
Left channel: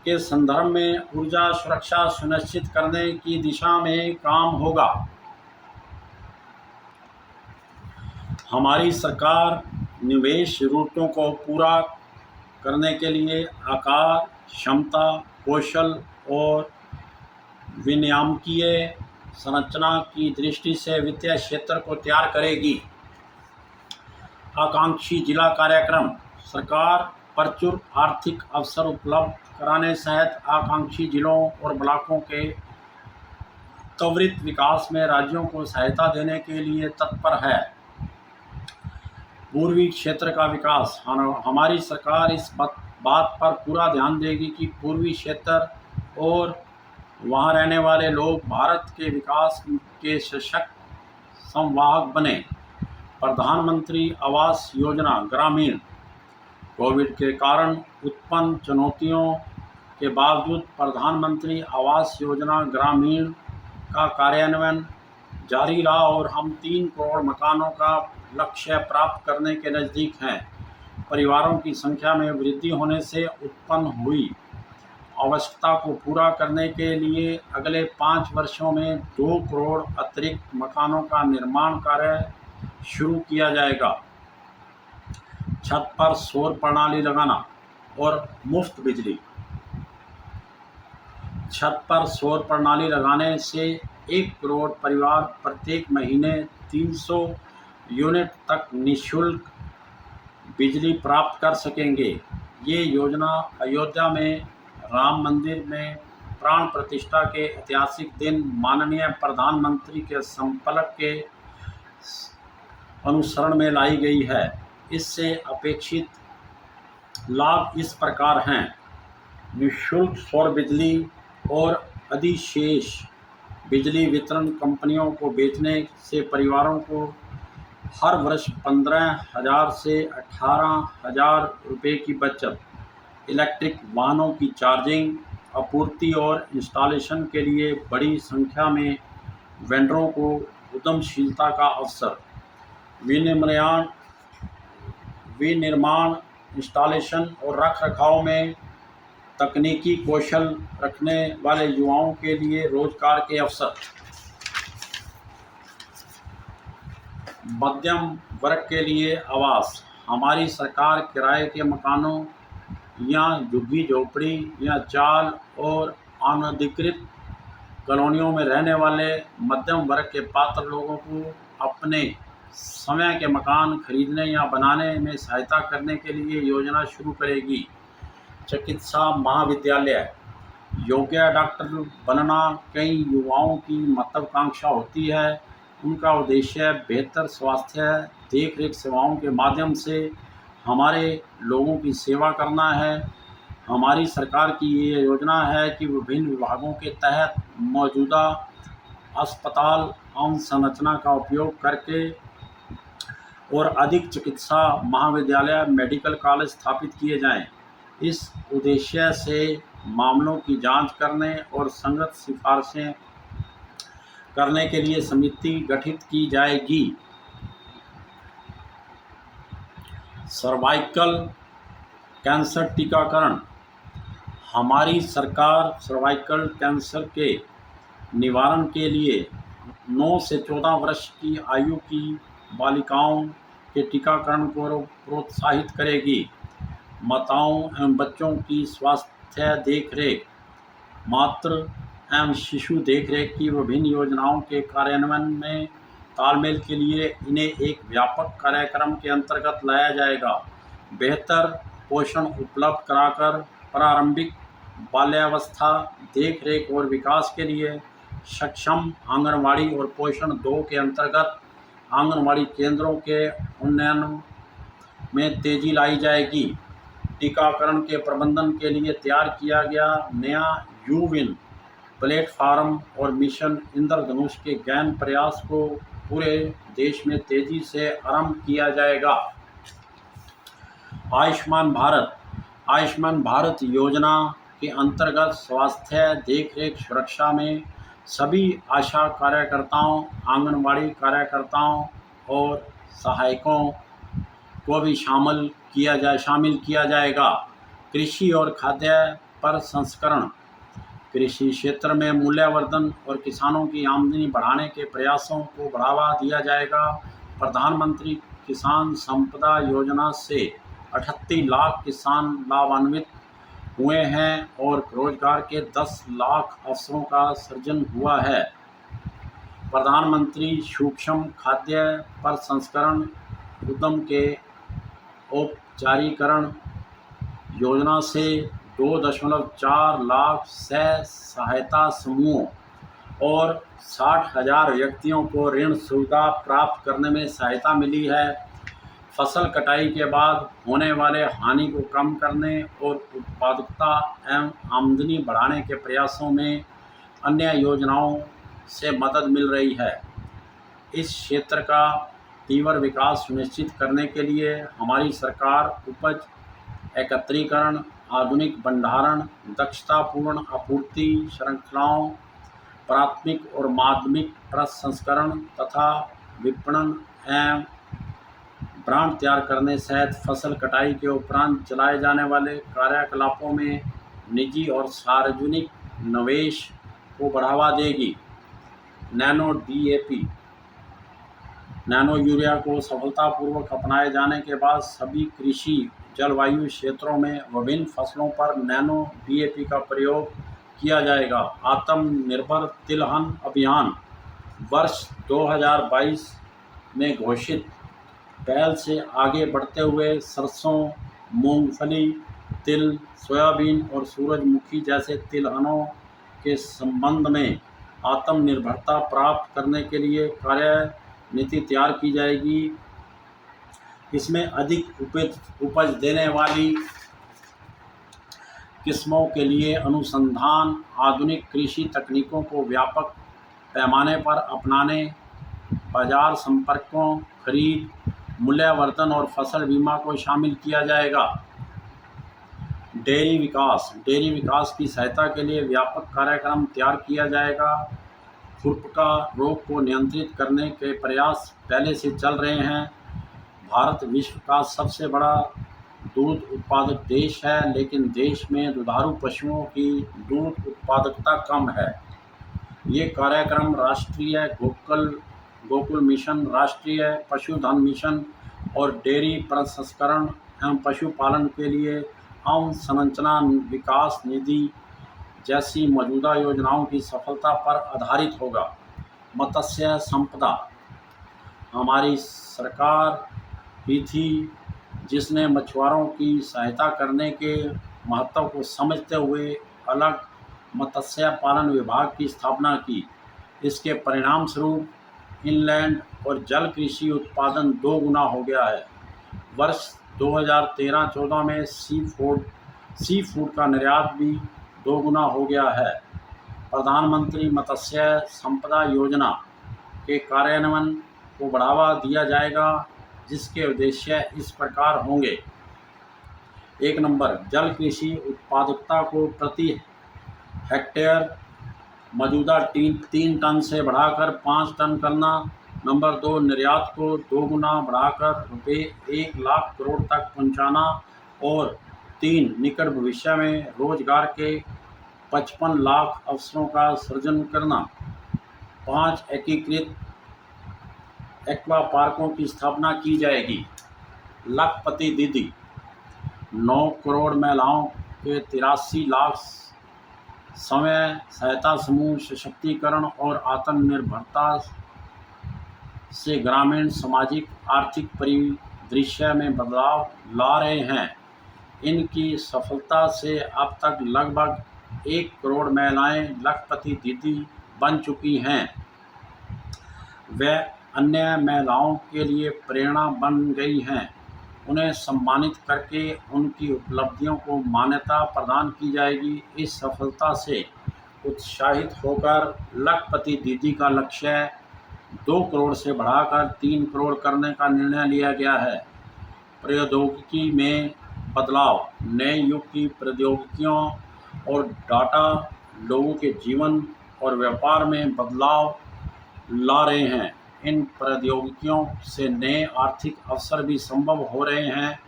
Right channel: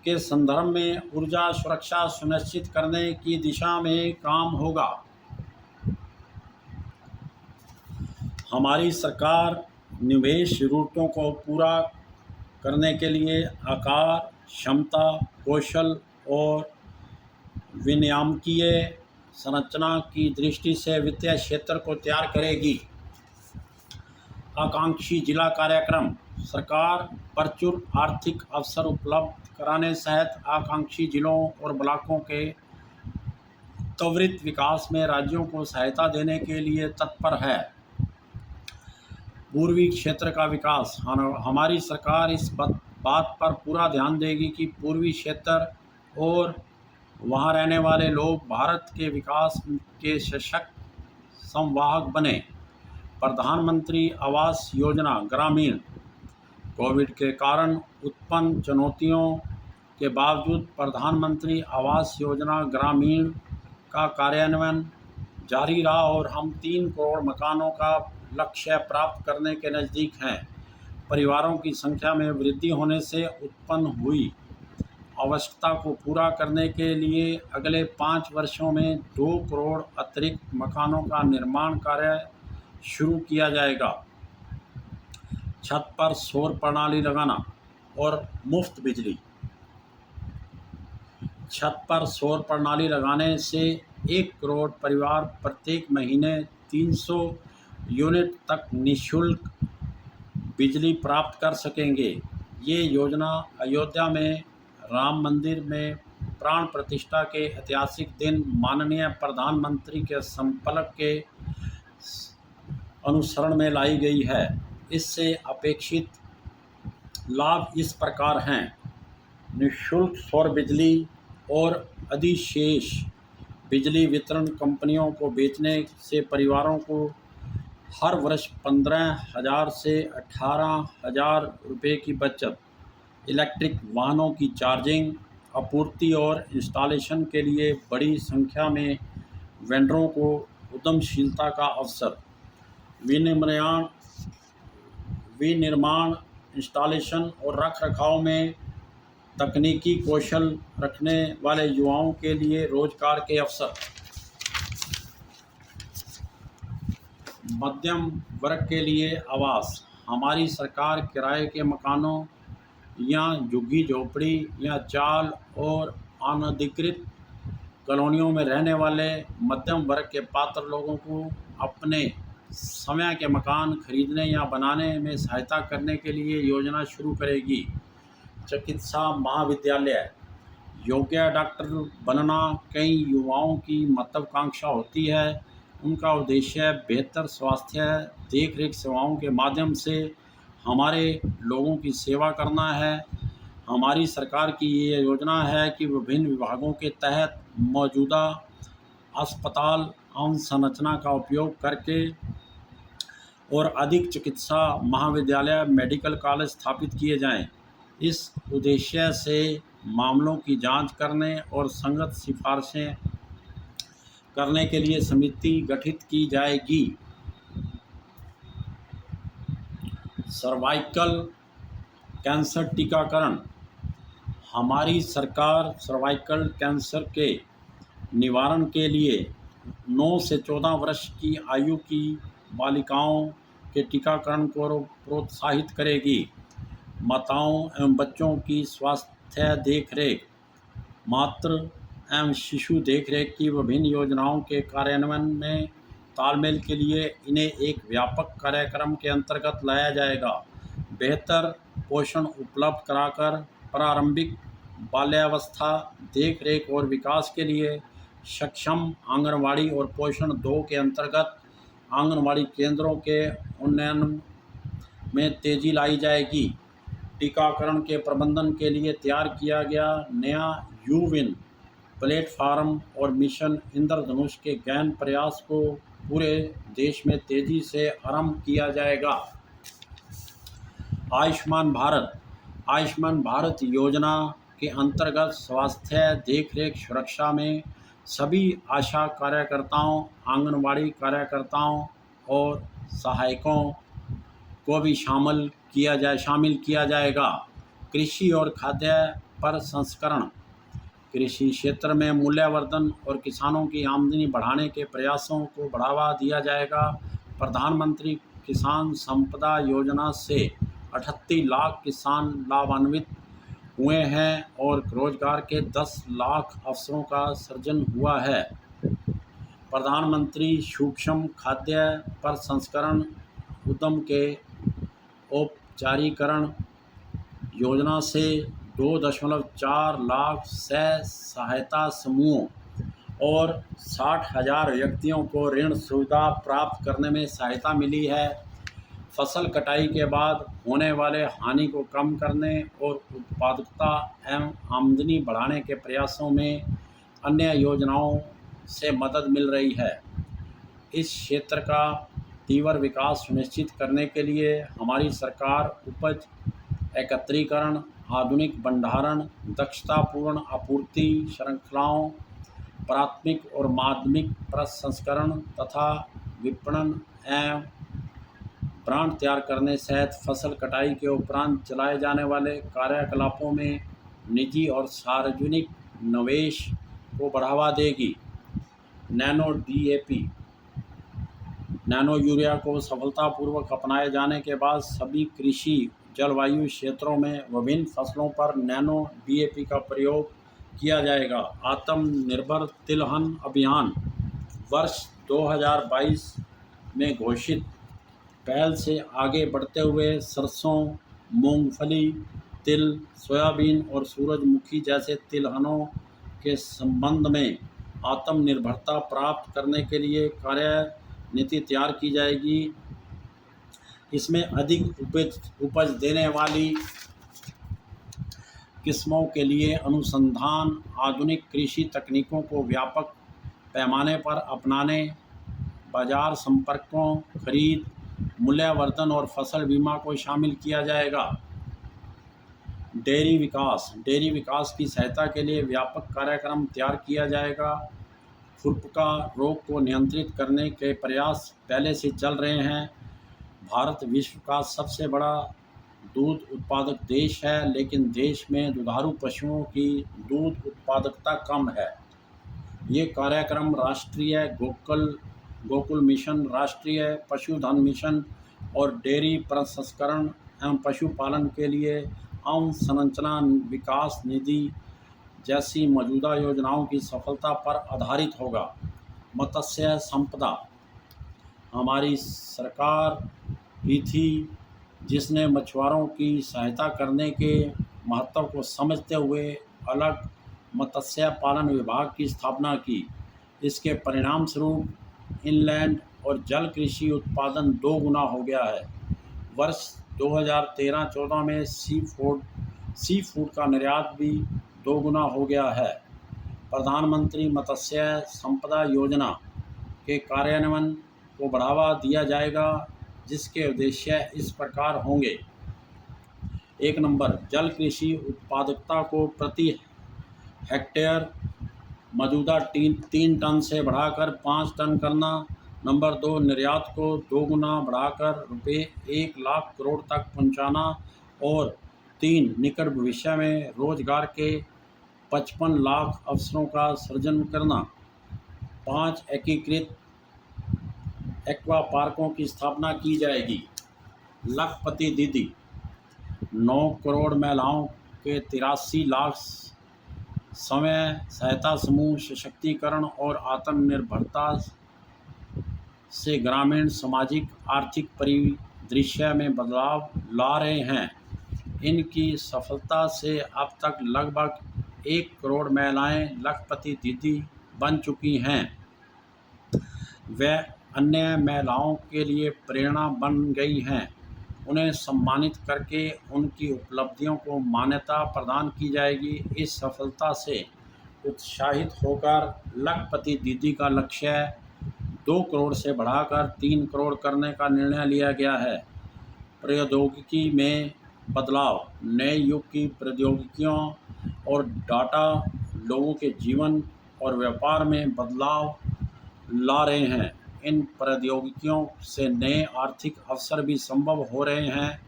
के संदर्भ में ऊर्जा सुरक्षा सुनिश्चित करने की दिशा में काम होगा। हमारी सरकार निवेश जरूरतों को पूरा करने के लिए आकार, क्षमता, कौशल और विनियामकीय संरचना की दृष्टि से वित्तीय क्षेत्र को तैयार करेगी। आकांक्षी जिला कार्यक्रम। सरकार प्रचुर आर्थिक अवसर उपलब्ध कराने सहित आकांक्षी जिलों और ब्लॉकों के त्वरित विकास में राज्यों को सहायता देने के लिए तत्पर है। पूर्वी क्षेत्र का विकास। हमारी सरकार इस बात पर पूरा ध्यान देगी कि पूर्वी क्षेत्र और वहां रहने वाले लोग भारत के विकास के सशक्त संवाहक बने। प्रधानमंत्री आवास योजना ग्रामीण। कोविड के कारण उत्पन्न चुनौतियों के बावजूद प्रधानमंत्री आवास योजना ग्रामीण का कार्यान्वयन जारी रहा और हम 3 करोड़ मकानों का लक्ष्य प्राप्त करने के नज़दीक हैं। परिवारों की संख्या में वृद्धि होने से उत्पन्न हुई आवश्यकता को पूरा करने के लिए अगले 5 वर्षों में 2 करोड़ अतिरिक्त मकानों का निर्माण कार्य शुरू किया जाएगा। छत पर सौर प्रणाली लगाना और मुफ्त बिजली। छत पर सौर प्रणाली लगाने से 1 करोड़ परिवार प्रत्येक महीने 300 यूनिट तक निःशुल्क बिजली प्राप्त कर सकेंगे। ये योजना अयोध्या में राम मंदिर में प्राण प्रतिष्ठा के ऐतिहासिक दिन माननीय प्रधानमंत्री के संकल्प के अनुसरण में लाई गई है। इससे अपेक्षित लाभ इस प्रकार हैं: निःशुल्क सौर बिजली और अधिशेष बिजली वितरण कंपनियों को बेचने से परिवारों को हर वर्ष 15,000 से 18,000 रुपये की बचत। इलेक्ट्रिक वाहनों की चार्जिंग, आपूर्ति और इंस्टॉलेशन के लिए बड़ी संख्या में वेंडरों को उद्यमशीलता का अवसर। विनिर्माण, इंस्टॉलेशन और रखरखाव में तकनीकी कौशल रखने वाले युवाओं के लिए रोजगार के अवसर। मध्यम वर्ग के लिए आवास। हमारी सरकार किराए के मकानों या झुग्गी झोपड़ी या चाल और अनधिकृत कॉलोनियों में रहने वाले मध्यम वर्ग के पात्र लोगों को अपने समय के मकान खरीदने या बनाने में सहायता करने के लिए योजना शुरू करेगी। चिकित्सा महाविद्यालय। योग्य डॉक्टर बनना कई युवाओं की महत्वाकांक्षा होती है। उनका उद्देश्य बेहतर स्वास्थ्य देखरेख सेवाओं के माध्यम से हमारे लोगों की सेवा करना है। हमारी सरकार की ये योजना है कि विभिन्न विभागों के तहत मौजूदा अस्पताल अवसंरचना का उपयोग करके और अधिक चिकित्सा महाविद्यालय मेडिकल कॉलेज स्थापित किए जाएं। इस उद्देश्य से मामलों की जांच करने और संगत सिफारिशें करने के लिए समिति गठित की जाएगी। सर्वाइकल कैंसर टीकाकरण। हमारी सरकार सर्वाइकल कैंसर के निवारण के लिए 9 से 14 वर्ष की आयु की बालिकाओं के टीकाकरण को प्रोत्साहित करेगी। माताओं एवं बच्चों की स्वास्थ्य देखरेख, मातृ एवं शिशु देखरेख की विभिन्न योजनाओं के कार्यान्वयन में तालमेल के लिए इन्हें एक व्यापक कार्यक्रम के अंतर्गत लाया जाएगा। बेहतर पोषण उपलब्ध कराकर प्रारंभिक बाल्यावस्था देखरेख और विकास के लिए सक्षम आंगनवाड़ी और पोषण 2 के अंतर्गत आंगनवाड़ी केंद्रों के उन्नयन में तेजी लाई जाएगी। टीकाकरण के प्रबंधन के लिए तैयार किया गया नया यूविन प्लेटफार्म और मिशन इंद्रधनुष के गहन प्रयास को पूरे देश में तेजी से आरंभ किया जाएगा। आयुष्मान भारत। आयुष्मान भारत योजना के अंतर्गत स्वास्थ्य देखरेख सुरक्षा में सभी आशा कार्यकर्ताओं, आंगनवाड़ी कार्यकर्ताओं और सहायकों को भी शामिल किया जाएगा। कृषि और खाद्य प्रसंस्करण। कृषि क्षेत्र में मूल्यवर्धन और किसानों की आमदनी बढ़ाने के प्रयासों को बढ़ावा दिया जाएगा। प्रधानमंत्री किसान संपदा योजना से 38 लाख किसान लाभान्वित हुए हैं और रोजगार के 10 लाख अवसरों का सृजन हुआ है। प्रधानमंत्री सूक्ष्म खाद्य प्रसंस्करण उद्यम के औपचारीकरण योजना से 2.4 लाख सहायता समूहों और 60,000 व्यक्तियों को ऋण सुविधा प्राप्त करने में सहायता मिली है। फसल कटाई के बाद होने वाले हानि को कम करने और उत्पादकता एवं आमदनी बढ़ाने के प्रयासों में अन्य योजनाओं से मदद मिल रही है। इस क्षेत्र का तीव्र विकास सुनिश्चित करने के लिए हमारी सरकार उपज एकत्रीकरण, आधुनिक भंडारण, दक्षतापूर्ण आपूर्ति श्रृंखलाओं, प्राथमिक और माध्यमिक प्रसंस्करण तथा विपणन एवं ब्रांड तैयार करने सहित फसल कटाई के उपरांत चलाए जाने वाले कार्यकलापों में निजी और सार्वजनिक निवेश को बढ़ावा देगी। नैनो DAP, नैनो यूरिया को सफलतापूर्वक अपनाए जाने के बाद सभी कृषि जलवायु क्षेत्रों में विभिन्न फसलों पर नैनो DAP का प्रयोग किया जाएगा। आत्मनिर्भर तिलहन अभियान वर्ष 2022 में घोषित पहल से आगे बढ़ते हुए सरसों, मूंगफली, तिल, सोयाबीन और सूरजमुखी जैसे तिलहनों के संबंध में आत्मनिर्भरता प्राप्त करने के लिए कार्यनीति तैयार की जाएगी। इसमें अधिक उपज देने वाली किस्मों के लिए अनुसंधान, आधुनिक कृषि तकनीकों को व्यापक पैमाने पर अपनाने, बाजार संपर्कों, खरीद, मूल्यवर्धन और फसल बीमा को शामिल किया जाएगा। डेयरी विकास की सहायता के लिए व्यापक कार्यक्रम तैयार किया जाएगा। खुरपका रोग को नियंत्रित करने के प्रयास पहले से चल रहे हैं। भारत विश्व का सबसे बड़ा दूध उत्पादक देश है, लेकिन देश में दुधारू पशुओं की दूध उत्पादकता कम है। ये कार्यक्रम राष्ट्रीय गोकुल मिशन, राष्ट्रीय पशुधन मिशन और डेयरी प्रसंस्करण एवं पशुपालन के लिए अवसंरचना विकास निधि जैसी मौजूदा योजनाओं की सफलता पर आधारित होगा। मत्स्य संपदा हमारी सरकार ही थी जिसने मछुआरों की सहायता करने के महत्व को समझते हुए अलग मत्स्य पालन विभाग की स्थापना की। इसके परिणाम स्वरूप इनलैंड और जल कृषि उत्पादन 2 गुना हो गया है। वर्ष 2013-14 में सी फूड का निर्यात भी 2 गुना हो गया है। प्रधानमंत्री मत्स्य संपदा योजना के कार्यान्वयन को बढ़ावा दिया जाएगा, जिसके उद्देश्य इस प्रकार होंगे। 1 नंबर, जल कृषि उत्पादकता को प्रति हेक्टेयर मौजूदा 3 टन से बढ़ाकर 5 टन करना। नंबर 2, निर्यात को 2 गुना बढ़ाकर रुपये 1 लाख करोड़ तक पहुंचाना। और 3, निकट भविष्य में रोजगार के 55 लाख अवसरों का सृजन करना। 5, एकीकृत एक्वा पार्कों की स्थापना की जाएगी। लखपति दीदी 9 करोड़ महिलाओं के 83 लाख स्वयं सहायता समूह सशक्तिकरण और आत्मनिर्भरता से ग्रामीण सामाजिक आर्थिक परिदृश्य में बदलाव ला रहे हैं। इनकी सफलता से अब तक लगभग 1 करोड़ महिलाएं लखपति दीदी बन चुकी हैं। वे अन्य महिलाओं के लिए प्रेरणा बन गई हैं। उन्हें सम्मानित करके उनकी उपलब्धियों को मान्यता प्रदान की जाएगी। इस सफलता से उत्साहित होकर लखपति दीदी का लक्ष्य 2 करोड़ से बढ़ाकर 3 करोड़ करने का निर्णय लिया गया है। प्रौद्योगिकी में बदलाव, नए युग की प्रौद्योगिकियों और डाटा लोगों के जीवन और व्यापार में बदलाव ला रहे हैं। इन प्रौद्योगिकियों से नए आर्थिक अवसर भी संभव हो रहे हैं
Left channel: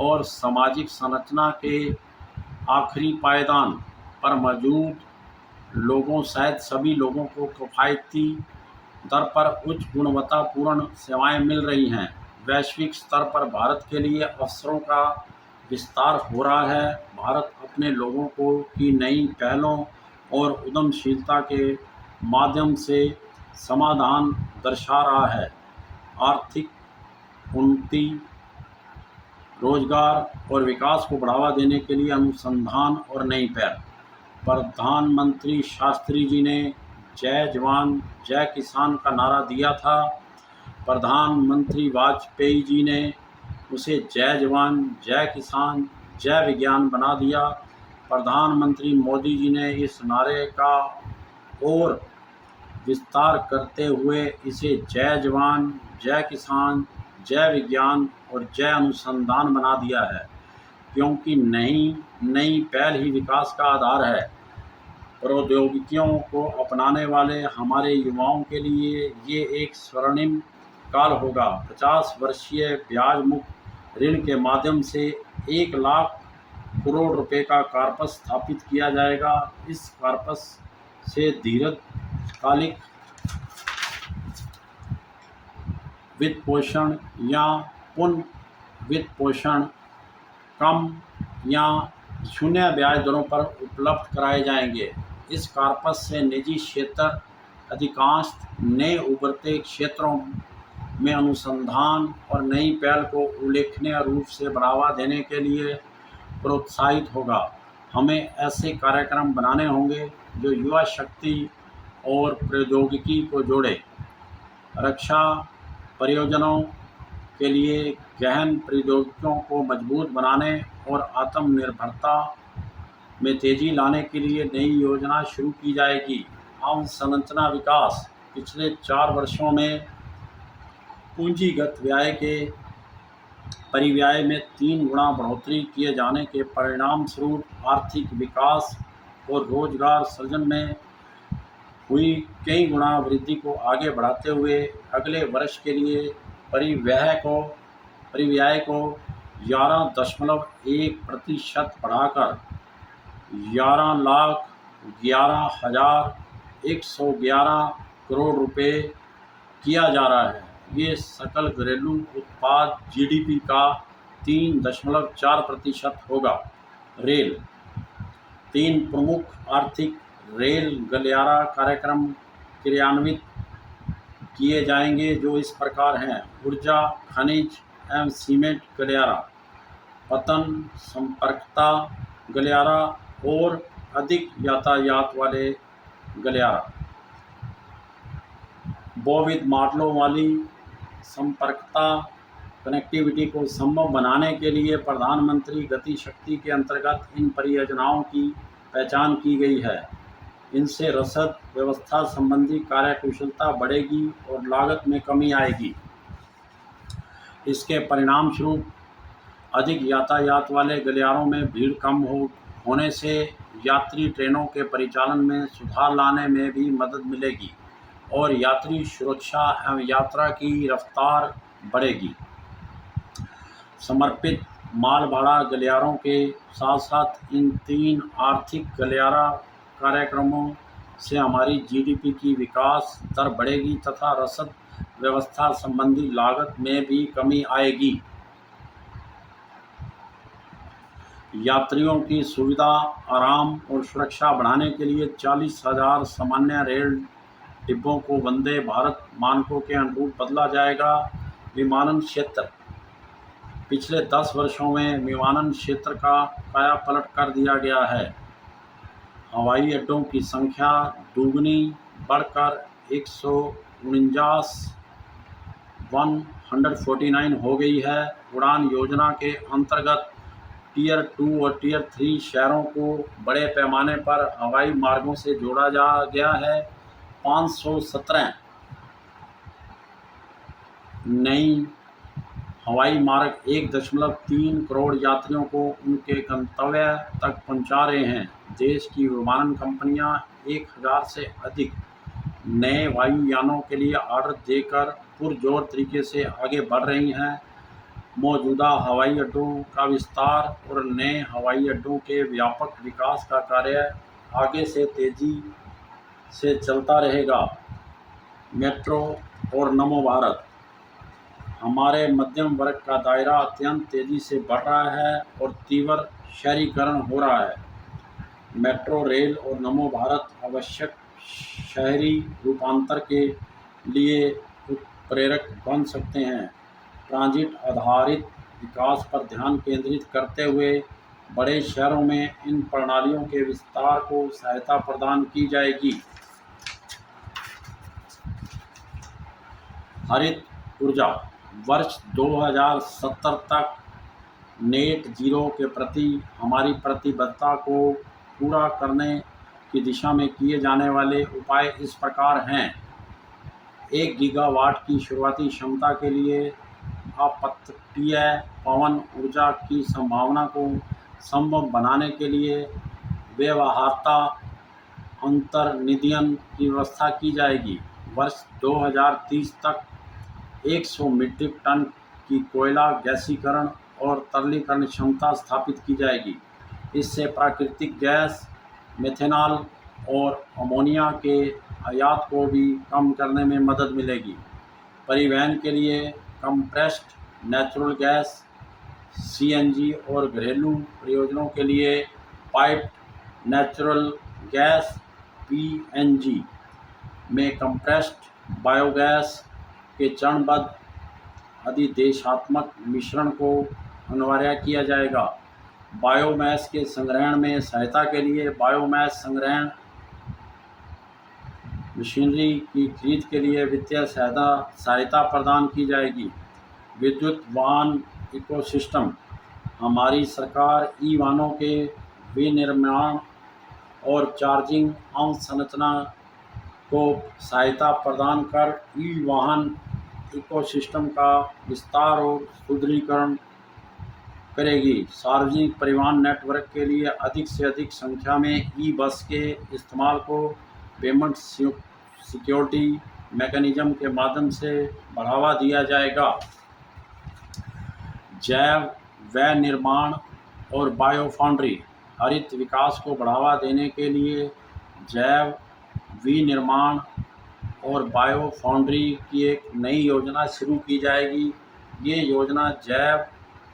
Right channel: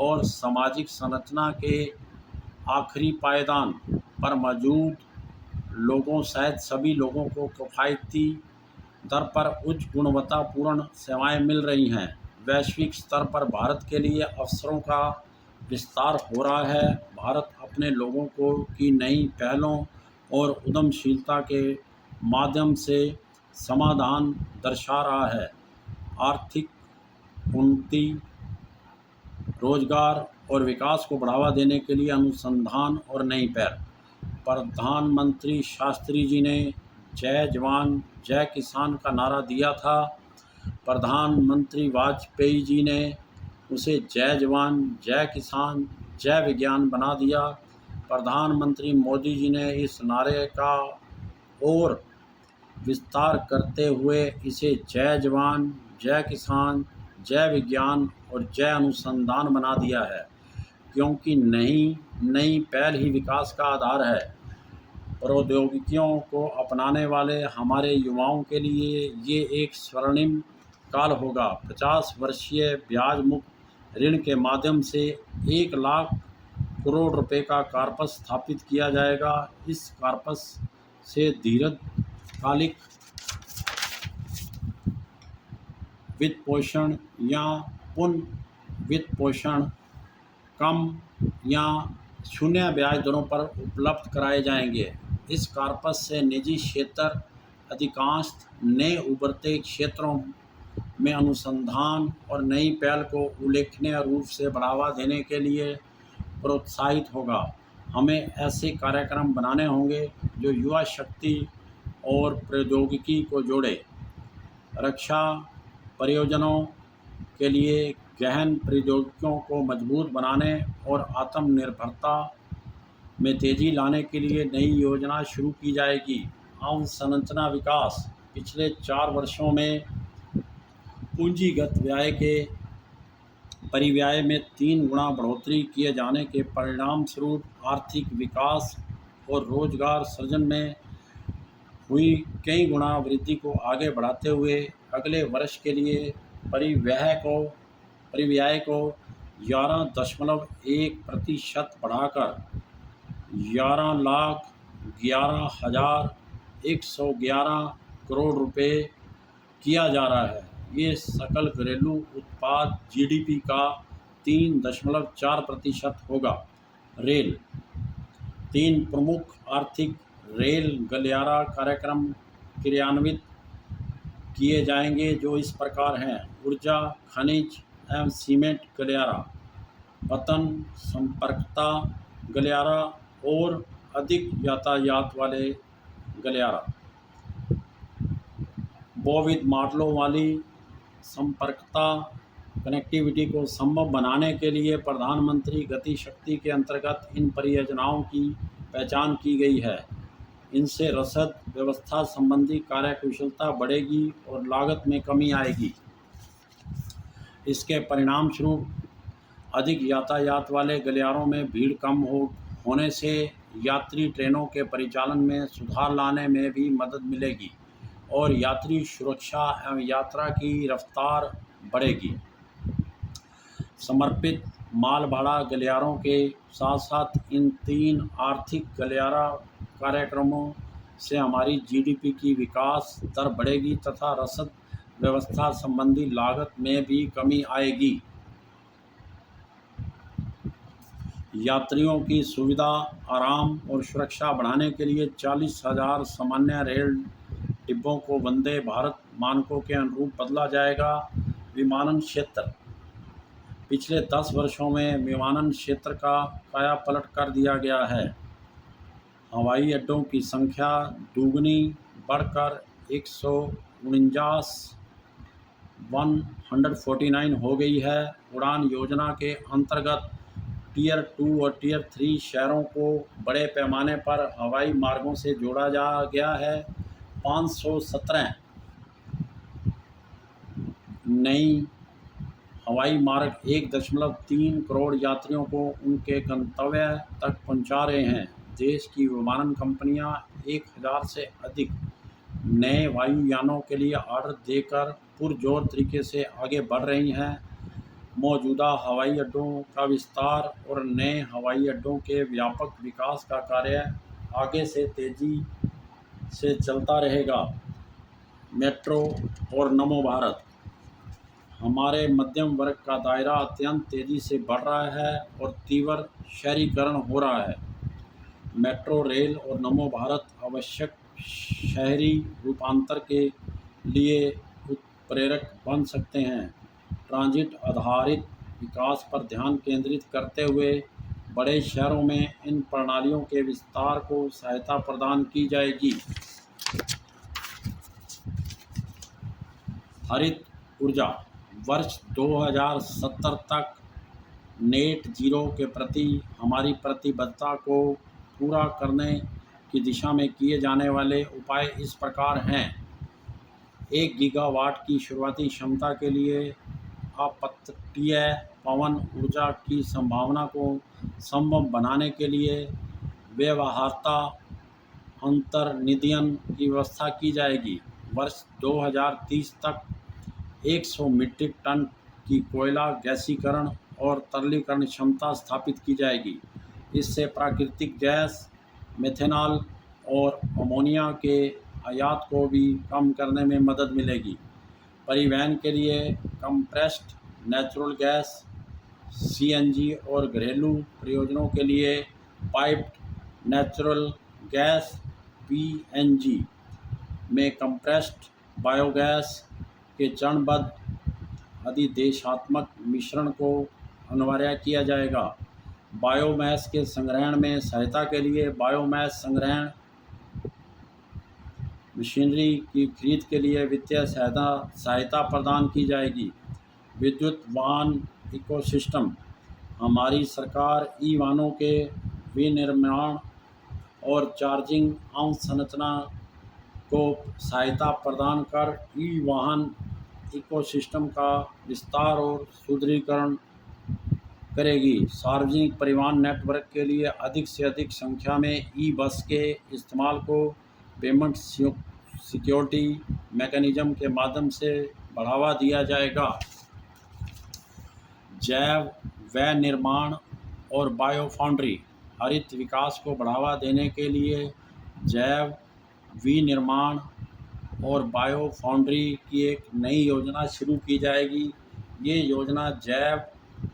और सामाजिक संरचना के आखिरी पायदान पर मौजूद लोगों सहित सभी लोगों को किफ़ायती दर पर उच्च गुणवत्तापूर्ण सेवाएं मिल रही हैं। वैश्विक स्तर पर भारत के लिए अवसरों का विस्तार हो रहा है। भारत अपने लोगों की नई पहलों और उद्यमशीलता के माध्यम से समाधान दर्शा रहा है। आर्थिक उन्नति, रोजगार और विकास को बढ़ावा देने के लिए अनुसंधान और नई पहल। प्रधानमंत्री शास्त्री जी ने जय जवान जय किसान का नारा दिया था। प्रधानमंत्री वाजपेयी जी ने उसे जय जवान जय किसान जय विज्ञान बना दिया। प्रधानमंत्री मोदी जी ने इस नारे का और विस्तार करते हुए इसे जय जवान जय किसान जय विज्ञान और जय अनुसंधान बना दिया है, क्योंकि नई पहल ही विकास का आधार है। प्रौद्योगिकियों को अपनाने वाले हमारे युवाओं के लिए ये एक स्वर्णिम काल होगा। 50 वर्षीय ब्याज मुक्त ऋण के माध्यम से 1 लाख करोड़ रुपए का कॉर्पस स्थापित किया जाएगा। इस कॉर्पस से दीर्घकालिक वित्त पोषण या पुनः वित्त पोषण कम या शून्य ब्याज दरों पर उपलब्ध कराए जाएंगे। इस कॉर्पस से निजी क्षेत्र अधिकांश नए उभरते क्षेत्रों में अनुसंधान और नई पहल को उल्लेखनीय रूप से बढ़ावा देने के लिए प्रोत्साहित होगा। हमें ऐसे कार्यक्रम बनाने होंगे जो युवा शक्ति और प्रौद्योगिकी को जोड़े, रक्षा परियोजनाओं के लिए गहन प्रौद्योगिकियों को मजबूत बनाने और आत्मनिर्भरता में तेजी लाने के लिए नई योजना शुरू की जाएगी। अवसंरचना विकास पिछले 4 वर्षों में पूंजीगत व्यय के परिव्यय में 3 गुना बढ़ोतरी किए जाने के परिणामस्वरूप आर्थिक विकास और रोजगार सृजन में हुई कई गुना वृद्धि को आगे बढ़ाते हुए अगले वर्ष के लिए परिव्यय को 11.1% बढ़ाकर 11,11,111 करोड़ रुपए किया जा रहा है। ये सकल घरेलू उत्पाद जीडीपी का 3.4% होगा। रेल 3 प्रमुख आर्थिक रेल गलियारा कार्यक्रम क्रियान्वित किए जाएंगे जो इस प्रकार हैं: ऊर्जा, खनिज एवं सीमेंट गलियारा, पतन संपर्कता गलियारा और अधिक यातायात वाले गलियारा। बहुविध मॉडलों वाली संपर्कता कनेक्टिविटी को संभव बनाने के लिए प्रधानमंत्री गति शक्ति के अंतर्गत इन परियोजनाओं की पहचान की गई है। इनसे रसद व्यवस्था संबंधी कार्यकुशलता बढ़ेगी और लागत में कमी आएगी। इसके परिणामस्वरूप अधिक यातायात वाले गलियारों में भीड़ कम होने से यात्री ट्रेनों के परिचालन में सुधार लाने में भी मदद मिलेगी और यात्री सुरक्षा एवं यात्रा की रफ्तार बढ़ेगी। समर्पित माल भाड़ा गलियारों के साथ साथ इन 3 आर्थिक गलियारा कार्यक्रमों से हमारी जीडीपी की विकास दर बढ़ेगी तथा रसद व्यवस्था संबंधी लागत में भी कमी आएगी। यात्रियों की सुविधा, आराम और सुरक्षा बढ़ाने के लिए 40,000 सामान्य रेल डिब्बों को वंदे भारत मानकों के अनुरूप बदला जाएगा। विमानन क्षेत्र पिछले 10 वर्षों में विमानन क्षेत्र का कायापलट कर दिया गया है। हवाई अड्डों की संख्या दुगनी बढ़कर 149 हो गई है। उड़ान योजना के अंतर्गत टियर 2 और टियर 3 शहरों को बड़े पैमाने पर हवाई मार्गों से जोड़ा जा गया है। 517 नई हवाई मार्ग 1.3 करोड़ यात्रियों को उनके गंतव्य तक पहुंचा रहे हैं। देश की विमानन कंपनियां 1000 से अधिक नए वायुयानों के लिए ऑर्डर देकर पुरजोर तरीके से आगे बढ़ रही हैं। मौजूदा हवाई अड्डों का विस्तार और नए हवाई अड्डों के व्यापक विकास का कार्य आगे से तेजी से चलता रहेगा। मेट्रो और नमो भारत हमारे मध्यम वर्ग का दायरा अत्यंत तेज़ी से बढ़ रहा है और तीव्र शहरीकरण हो रहा है। मेट्रो रेल और नमो भारत आवश्यक शहरी रूपांतर के लिए उत्प्रेरक बन सकते हैं। ट्रांजिट आधारित विकास पर ध्यान केंद्रित करते हुए बड़े शहरों में इन प्रणालियों के विस्तार को सहायता प्रदान की जाएगी। हरित ऊर्जा वर्ष 2070 तक नेट जीरो के प्रति हमारी प्रतिबद्धता को पूरा करने की दिशा में किए जाने वाले उपाय इस प्रकार हैं। 1 गीगावाट की शुरुआती क्षमता के लिए अपतटीय पवन ऊर्जा की संभावना को संभव बनाने के लिए व्यवहार्यता अंतर्निधियन की व्यवस्था की जाएगी। वर्ष 2030 तक 100 मीट्रिक टन की कोयला गैसीकरण और तरलीकरण क्षमता स्थापित की जाएगी। इससे प्राकृतिक गैस, मेथेनॉल और अमोनिया के आयात को भी कम करने में मदद मिलेगी। परिवहन के लिए कंप्रेस्ड नेचुरल गैस, सीएनजी और घरेलू प्रयोजनों के लिए पाइप्ड नेचुरल गैस पीएनजी में कंप्रेस्ड बायोगैस के चरणबद्ध अधिदेशात्मक मिश्रण को अनिवार्य किया जाएगा। बायोमास के संग्रहण में सहायता के लिए बायोमास संग्रहण मशीनरी की खरीद के लिए वित्तीय सहायता प्रदान की जाएगी। विद्युत वाहन इकोसिस्टम, हमारी सरकार ई वाहनों के विनिर्माण और चार्जिंग अवसंरचना को सहायता प्रदान कर ई वाहन इकोसिस्टम का विस्तार और सुदृढ़ीकरण करेगी। सार्वजनिक परिवहन नेटवर्क के लिए अधिक से अधिक संख्या में ई बस के इस्तेमाल को पेमेंट सिक्योरिटी मैकेनिज्म के माध्यम से बढ़ावा दिया जाएगा। जैव विनिर्माण और बायो फाउंड्री, हरित विकास को बढ़ावा देने के लिए जैव विनिर्माण और बायो फाउंड्री की एक नई योजना शुरू की जाएगी। ये योजना जैव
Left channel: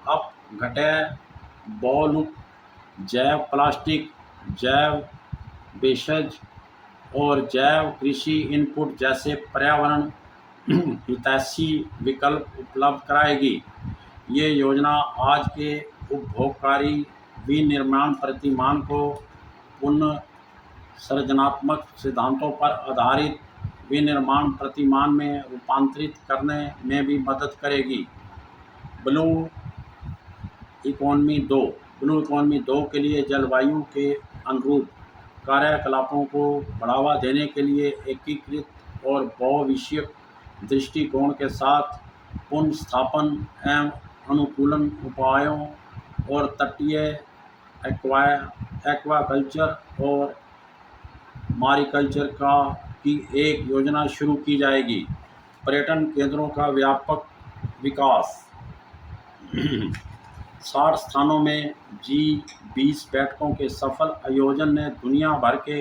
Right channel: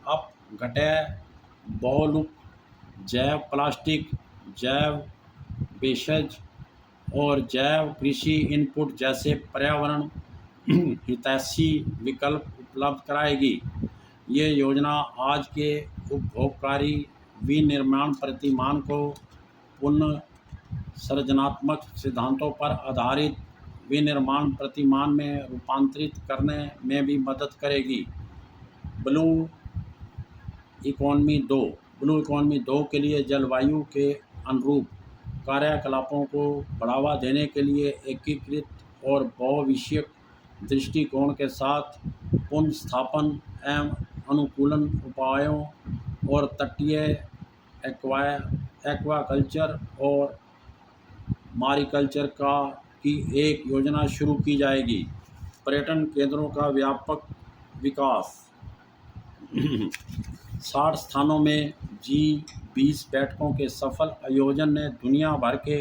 अपघटय, बहुलक, जैव प्लास्टिक, जैव वेस्टेज और जैव कृषि इनपुट जैसे पर्यावरण हितैषी विकल्प उपलब्ध कराएगी। ये योजना आज के उपभोगकारी विनिर्माण प्रतिमान को पुनः सृजनात्मक सिद्धांतों पर आधारित विनिर्माण प्रतिमान में रूपांतरित करने में भी मदद करेगी। ब्लू इकोनॉमी 2 के लिए जलवायु के अनुरूप कार्यकलापों को बढ़ावा देने के लिए एकीकृत और बहुविषयक दृष्टिकोण के साथ पुनर्स्थापन एवं अनुकूलन उपायों और तटीय एक्वाकल्चर और मारीकल्चर की एक योजना शुरू की जाएगी। पर्यटन केंद्रों का व्यापक विकास 60 स्थानों में G20 बैठकों के सफल आयोजन ने दुनिया भर के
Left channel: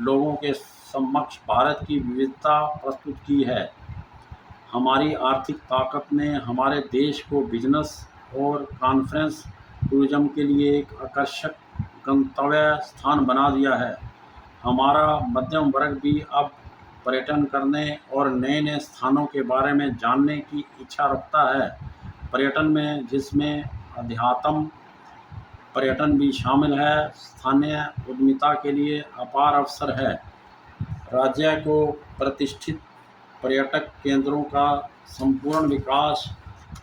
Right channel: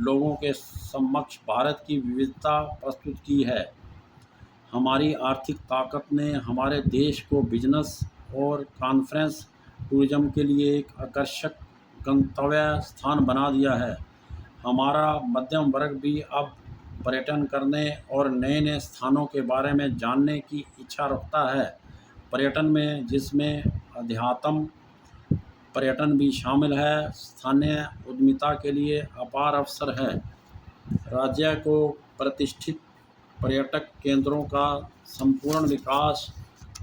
लोगों के समक्ष भारत की विविधता प्रस्तुत की है। हमारी आर्थिक ताकत ने हमारे देश को बिजनेस और कॉन्फ्रेंस टूरिज्म के लिए एक आकर्षक गंतव्य स्थान बना दिया है। हमारा मध्यम वर्ग भी अब पर्यटन करने और नए नए स्थानों के बारे में जानने की इच्छा रखता है। पर्यटन में जिसमें अध्यात्म पर्यटन भी शामिल है, स्थानीय उद्यमिता के लिए अपार अवसर है। राज्य को प्रतिष्ठित पर्यटक केंद्रों का संपूर्ण विकास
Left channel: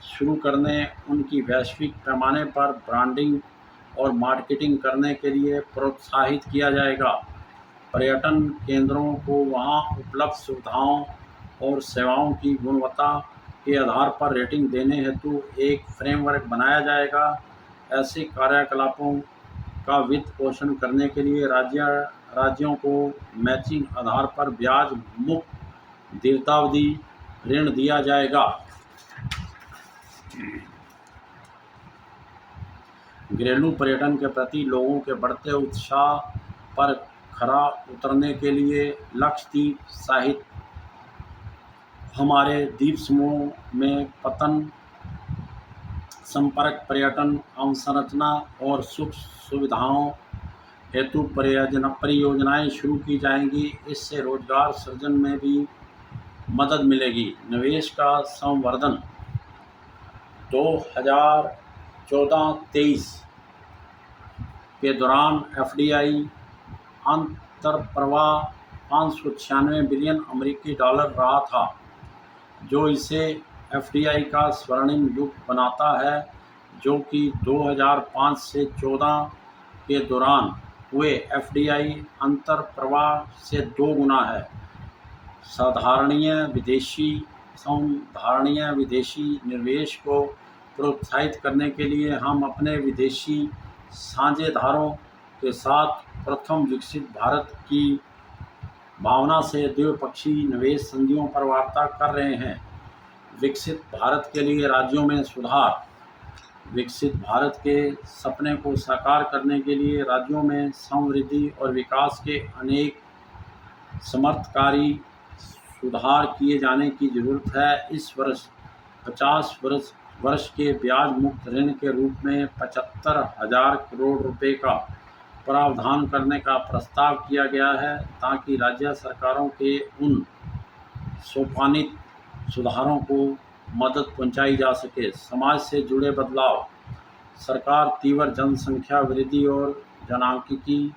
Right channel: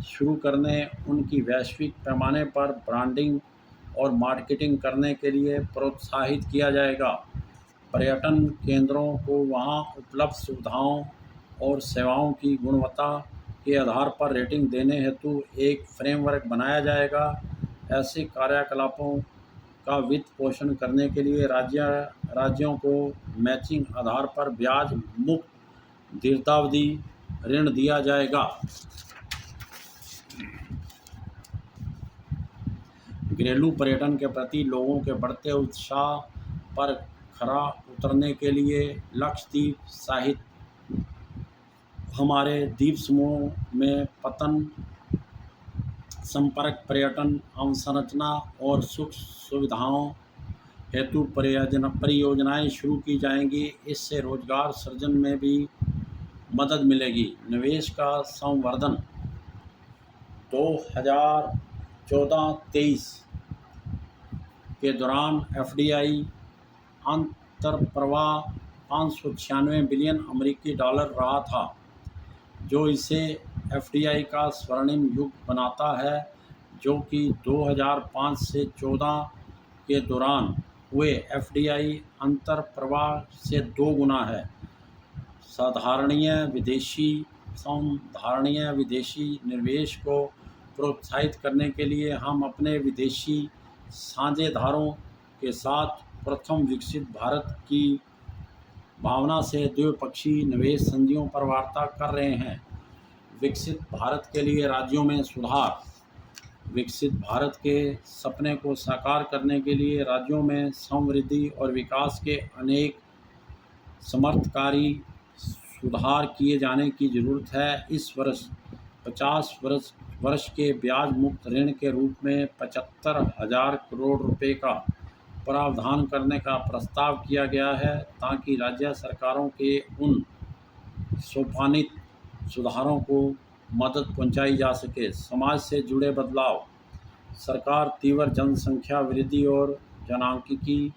शुरू करने, उनकी वैश्विक पैमाने पर ब्रांडिंग और मार्केटिंग करने के लिए प्रोत्साहित किया जाएगा। पर्यटन केंद्रों को वहां उपलब्ध सुविधाओं और सेवाओं की गुणवत्ता के आधार पर रेटिंग देने हेतु एक फ्रेमवर्क बनाया जाएगा। ऐसे कार्यकलापों का वित्त पोषण करने के लिए राज्यों को मैचिंग आधार पर ब्याज मुक्त दीर्घावधि ऋण दिया जाएगा। घरेलू पर्यटन के प्रति लोगों के बढ़ते उत्साह पर खरा उतरने के लिए लक्षद्वीप सहित हमारे द्वीप समूह में पतन संपर्क पर्यटन अवसंरचना और सुख सुविधाओं हेतु परियोजनाएं शुरू की जाएंगी। इससे रोजगार सृजन में भी मदद मिलेगी। निवेश का संवर्धन 2014-23 के दौरान एफडीआई अंतर्प्रवाह 596 बिलियन अमेरिकी डॉलर रहा था, जो इसे एफडीआई का स्वर्णिम युग बनाता है, जो कि 2005 से 14 के दौरान हुए एफडीआई अंतर्प्रवाह से 2 गुना है। साधारणीय विदेशी निवेश को प्रोत्साहित करने के लिए हम अपने विदेशी साझेदारों के साथ प्रथम विकसित भारत की भावना से द्विपक्षीय निवेश संधियों पर वार्ता कर रहे हैं। विकसित भारत के लिए राज्यों में सुधार। विकसित भारत के सपने को साकार करने के लिए राज्यों में समृद्धि और विकास के अनेक समर्थकारी सुधार किए जाने की जरूरत है। इस वर्ष 50 वर्ष के ब्याज मुक्त ऋण के रूप में 75,000 करोड़ रुपए का प्रावधान करने का प्रस्ताव किया गया है ताकि राज्य सरकारों के उन सोपानित सुधारों को मदद पहुंचाई जा सके। समाज से जुड़े बदलाव। सरकार तीव्र जनसंख्या वृद्धि और जनांकीकी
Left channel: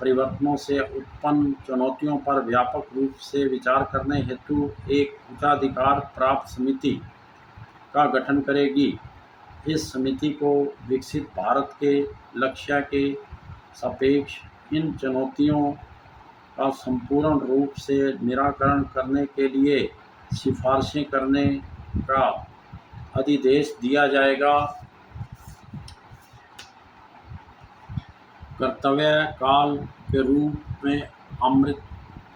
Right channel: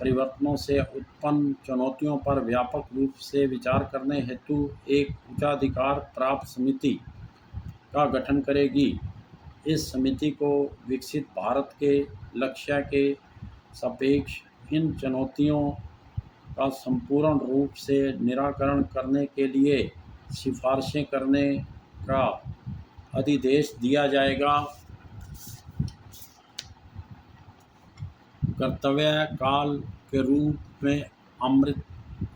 परिवर्तनों से उत्पन्न चुनौतियों पर व्यापक रूप से विचार करने हेतु एक उच्चाधिकार प्राप्त समिति का गठन करेगी। इस समिति को विकसित भारत के लक्ष्य के सापेक्ष इन चुनौतियों का संपूर्ण रूप से निराकरण करने के लिए सिफारिशें करने का अधिदेश दिया जाएगा। कर्तव्य काल के रूप में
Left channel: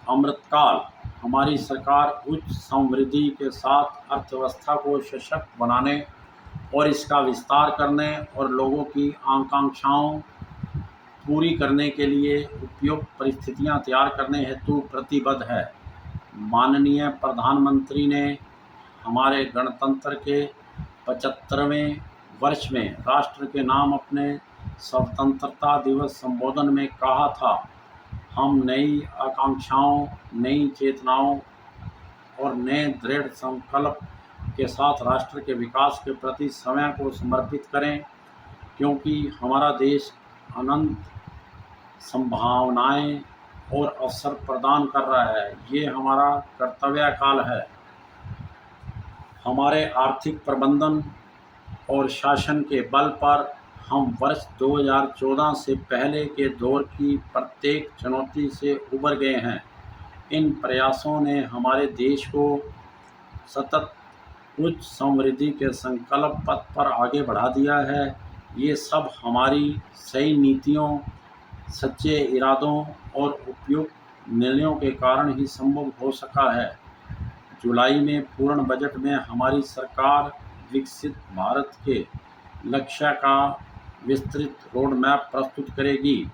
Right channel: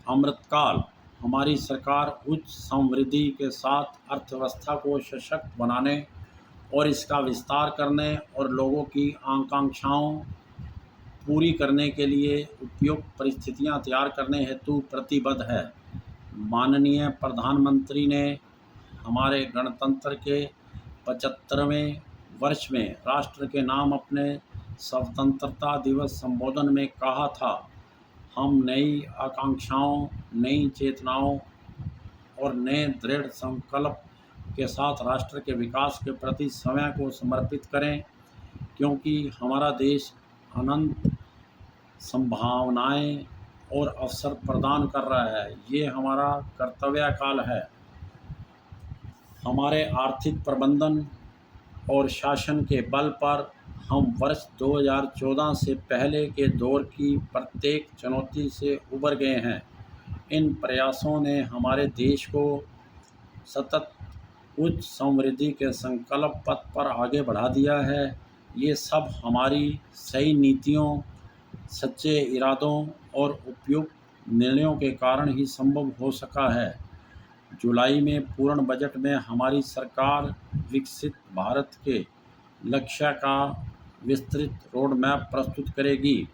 अमृतकाल। हमारी सरकार उच्च समृद्धि के साथ अर्थव्यवस्था को सशक्त बनाने और इसका विस्तार करने और लोगों की आकांक्षाओं पूरी करने के लिए उपयुक्त परिस्थितियां तैयार करने हेतु प्रतिबद्ध है। माननीय प्रधानमंत्री ने हमारे गणतंत्र के 75वें वर्ष में राष्ट्र के नाम अपने स्वतंत्रता दिवस संबोधन में कहा था, हम नई आकांक्षाओं, नई चेतनाओं और नए दृढ़ संकल्प के साथ राष्ट्र के विकास के प्रति समय को समर्पित करें, क्योंकि हमारा देश अनंत संभावनाएं और अवसर प्रदान कर रहा है। ये हमारा कर्तव्य काल है। हमारे आर्थिक प्रबंधन और शासन के बल पर हम वर्ष 2014 से पहले के दौर की प्रत्येक चुनौती से उबर गए हैं। इन प्रयासों ने हमारे देश को सतत उच्च समृद्धि के संकल्प पथ पर आगे बढ़ा दिया है। ये सब हमारी सही नीतियों, सच्चे इरादों और उपयुक्त निर्णयों के कारण ही संभव हो सका है। जुलाई में पूर्ण बजट में हमारी सरकार विकसित भारत के लक्ष्य का विस्तृत रोड मैप प्रस्तुत करेगी।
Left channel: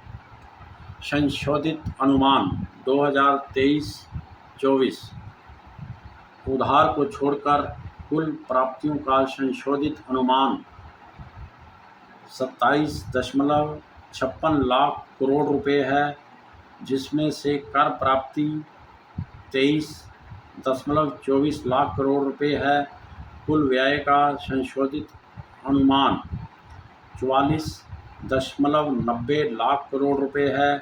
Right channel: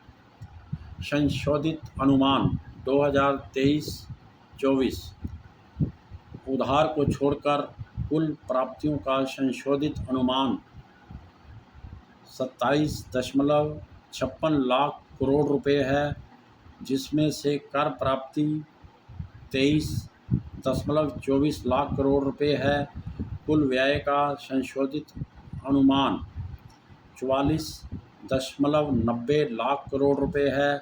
संशोधित अनुमान 2023-24 उधार को छोड़कर कुल प्राप्तियों का संशोधित अनुमान 27.56 लाख करोड़ रुपए है, जिसमें से कर प्राप्ति 23.24 लाख करोड़ रुपए है। कुल व्यय का संशोधित अनुमान 44.90 लाख करोड़ रुपए है।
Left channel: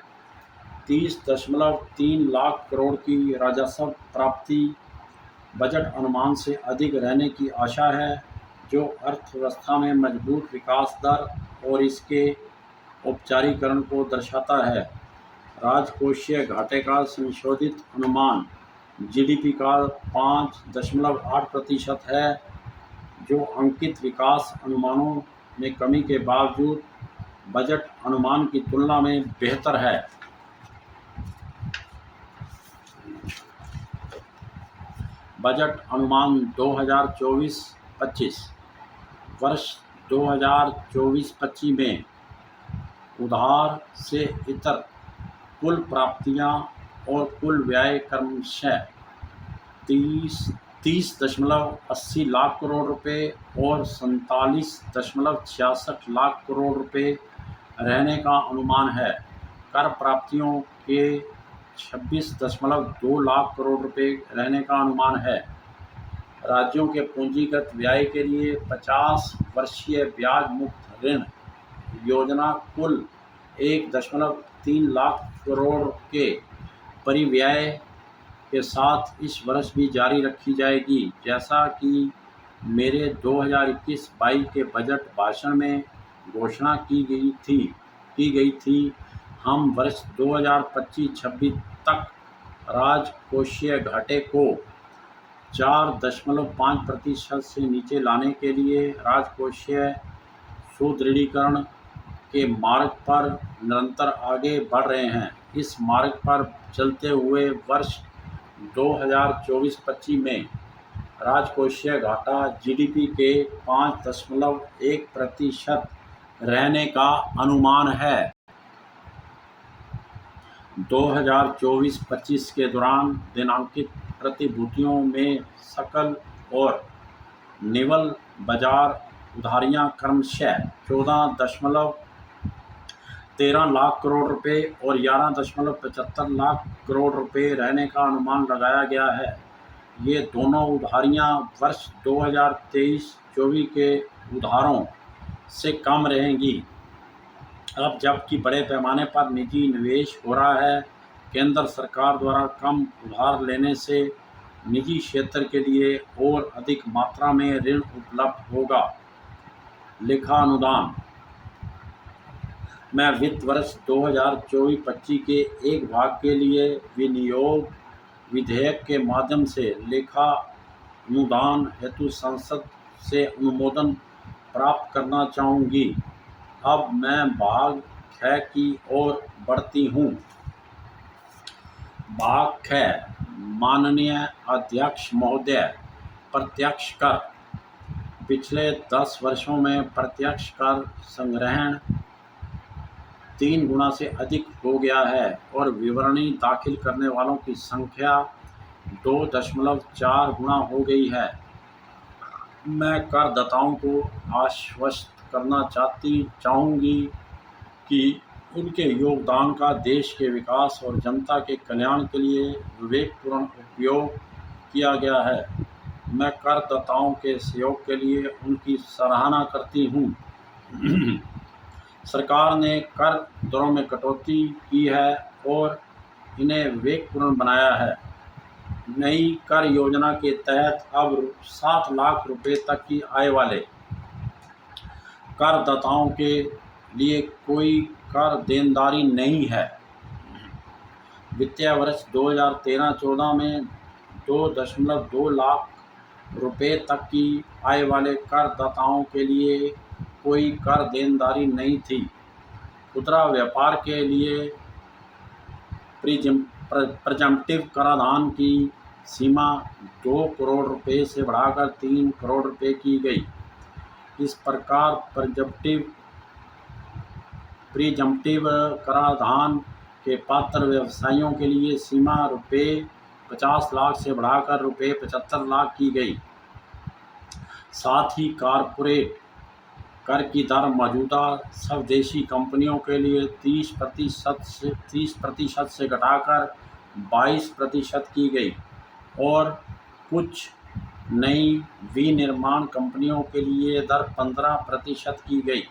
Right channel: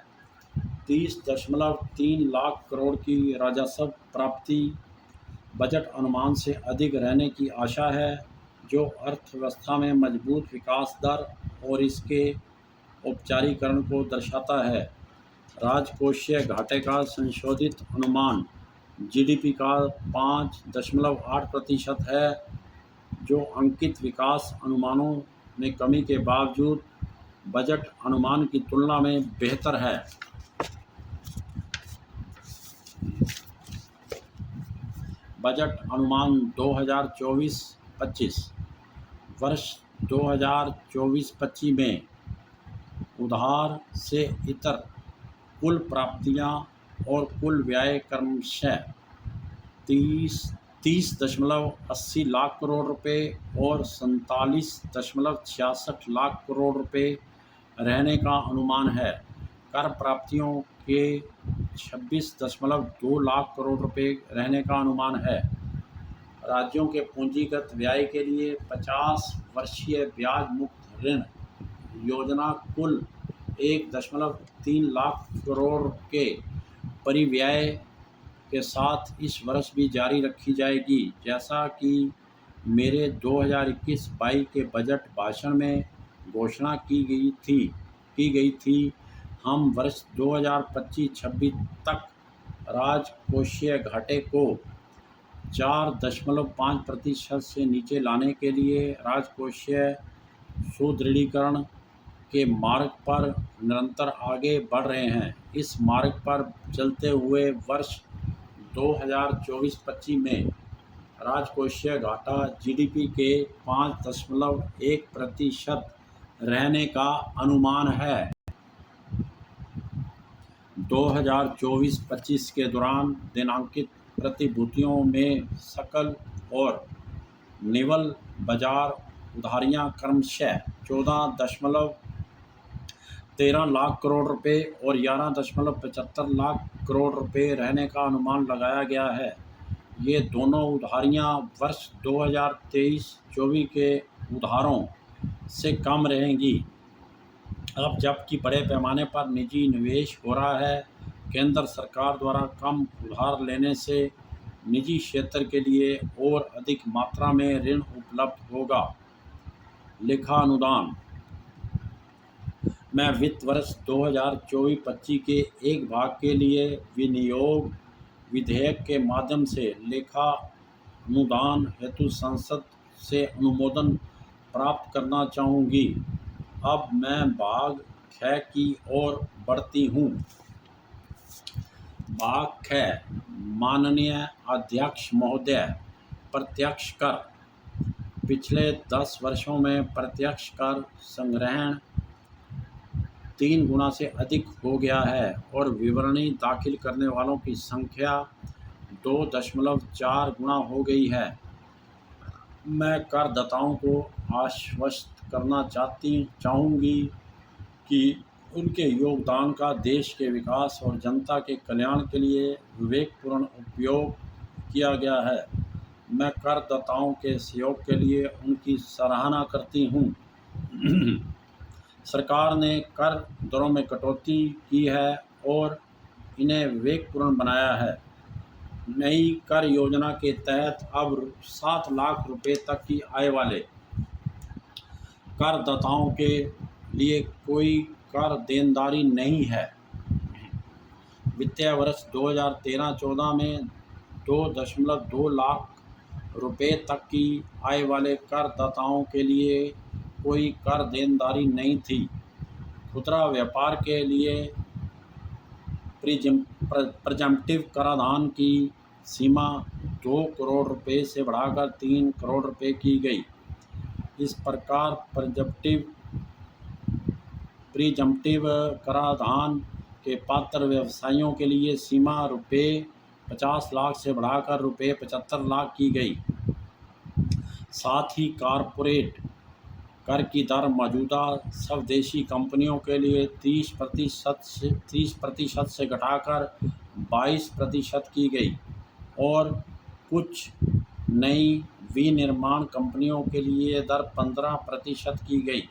30.3 लाख करोड़ की राजस्व प्राप्ति बजट अनुमान से अधिक रहने की आशा है, जो अर्थव्यवस्था में मजबूत विकास दर और इसके औपचारीकरण को दर्शाता है। राजकोषीय घाटे का संशोधित अनुमान जीडीपी का 5.8% है, जो अंकित विकास अनुमानों में कमी के बावजूद बजट अनुमान की तुलना में बेहतर है। बजट अनुमान 2024-25 वर्ष 2024-25 में उधार से इतर कुल प्राप्तियां और कुल व्यय क्रमशः 30.80 लाख करोड़ रुपए और 47.66 लाख करोड़ रुपए रहने का अनुमान है। कर प्राप्तियों के 26.2 लाख करोड़ रुपए रहने का अनुमान है। राज्यों के पूंजीगत व्यय के लिए 50 वर्षीय ब्याज मुक्त ऋण योजना कुल 1.3 लाख करोड़ के परिव्यय के साथ इस वर्ष भी जारी रखी जाएगी। जैसा कि मेरे 2021-22 के बजट भाषण में घोषणा की गई थी, हम वर्ष 2025-26 तक राजकोषीय घाटे को 4.5% से नीचे लाने के लिए राजकोषीय सुदृढ़ीकरण के मार्ग पर निरंतर आगे बढ़ रहे हैं। इस मार्ग पर चलते हुए वर्ष 2024-25 में राजकोषीय घाटा जीडीपी के 5.1% रहने का अनुमान है। 2024-25 के दौरान दिनांकित प्रतिभूतियों में सकल और निवल बाजार उधारियां क्रमशः 13 लाख करोड़ रुपए और 11.75 लाख करोड़ रुपए रहने का अनुमान लगाया गया है। ये दोनों उधारियां वर्ष 2023-24 के उधारों से कम रहेंगी। अब जबकि बड़े पैमाने पर निजी निवेश हो रहा है, केंद्र सरकार द्वारा कम उधार लेने से निजी क्षेत्र के लिए और अधिक मात्रा में ऋण उपलब्ध होगा। लेखा अनुदान में वित्त वर्ष 2024-25 के एक भाग के लिए विनियोग विधेयक के माध्यम से लेखा अनुदान हेतु संसद से अनुमोदन प्राप्त करना चाहूँगी। अब मैं भाग 6 की ओर बढ़ती हूँ। भाग 6। माननीय अध्यक्ष महोदय, प्रत्यक्ष कर। पिछले 10 वर्षों में प्रत्यक्ष कर संग्रहण 3 गुना से अधिक हो गया है और विवरणी दाखिल करने वालों की संख्या 2.4 गुना हो गई है। मैं करदाताओं को आश्वस्त करना चाहूँगी कि उनके योगदान का देश के विकास और जनता के कल्याण के लिए विवेकपूर्ण उपयोग किया गया है। मैं करदाताओं के सहयोग के लिए उनकी सराहना करती हूँ। सरकार ने कर दरों में कटौती की है और इन्हें विवेकपूर्ण बनाया है। नई कर योजना के तहत अब 7 लाख रुपए तक की आय वाले करदाताओं के लिए कोई कर देनदारी नहीं है। वित्तीय वर्ष 2013-14 में 2.2 लाख रुपए तक की आय वाले करदाताओं के लिए कोई कर देनदारी नहीं थी। खुदरा व्यापार के लिए प्रिजम्पटिव कराधान की सीमा 2 करोड़ रुपए से बढ़ाकर 3 करोड़ रुपए की गई। इस प्रकार प्रिजम्पटिव कराधान के पात्र व्यवसायियों के लिए सीमा रुपए 50 लाख से बढ़ाकर रुपए 75 लाख की गई। साथ ही कॉरपोरेट कर की दर मौजूदा स्वदेशी कंपनियों के लिए 30% से घटाकर 22% की गई और कुछ नई विनिर्माण कंपनियों के लिए दर 15% की गई।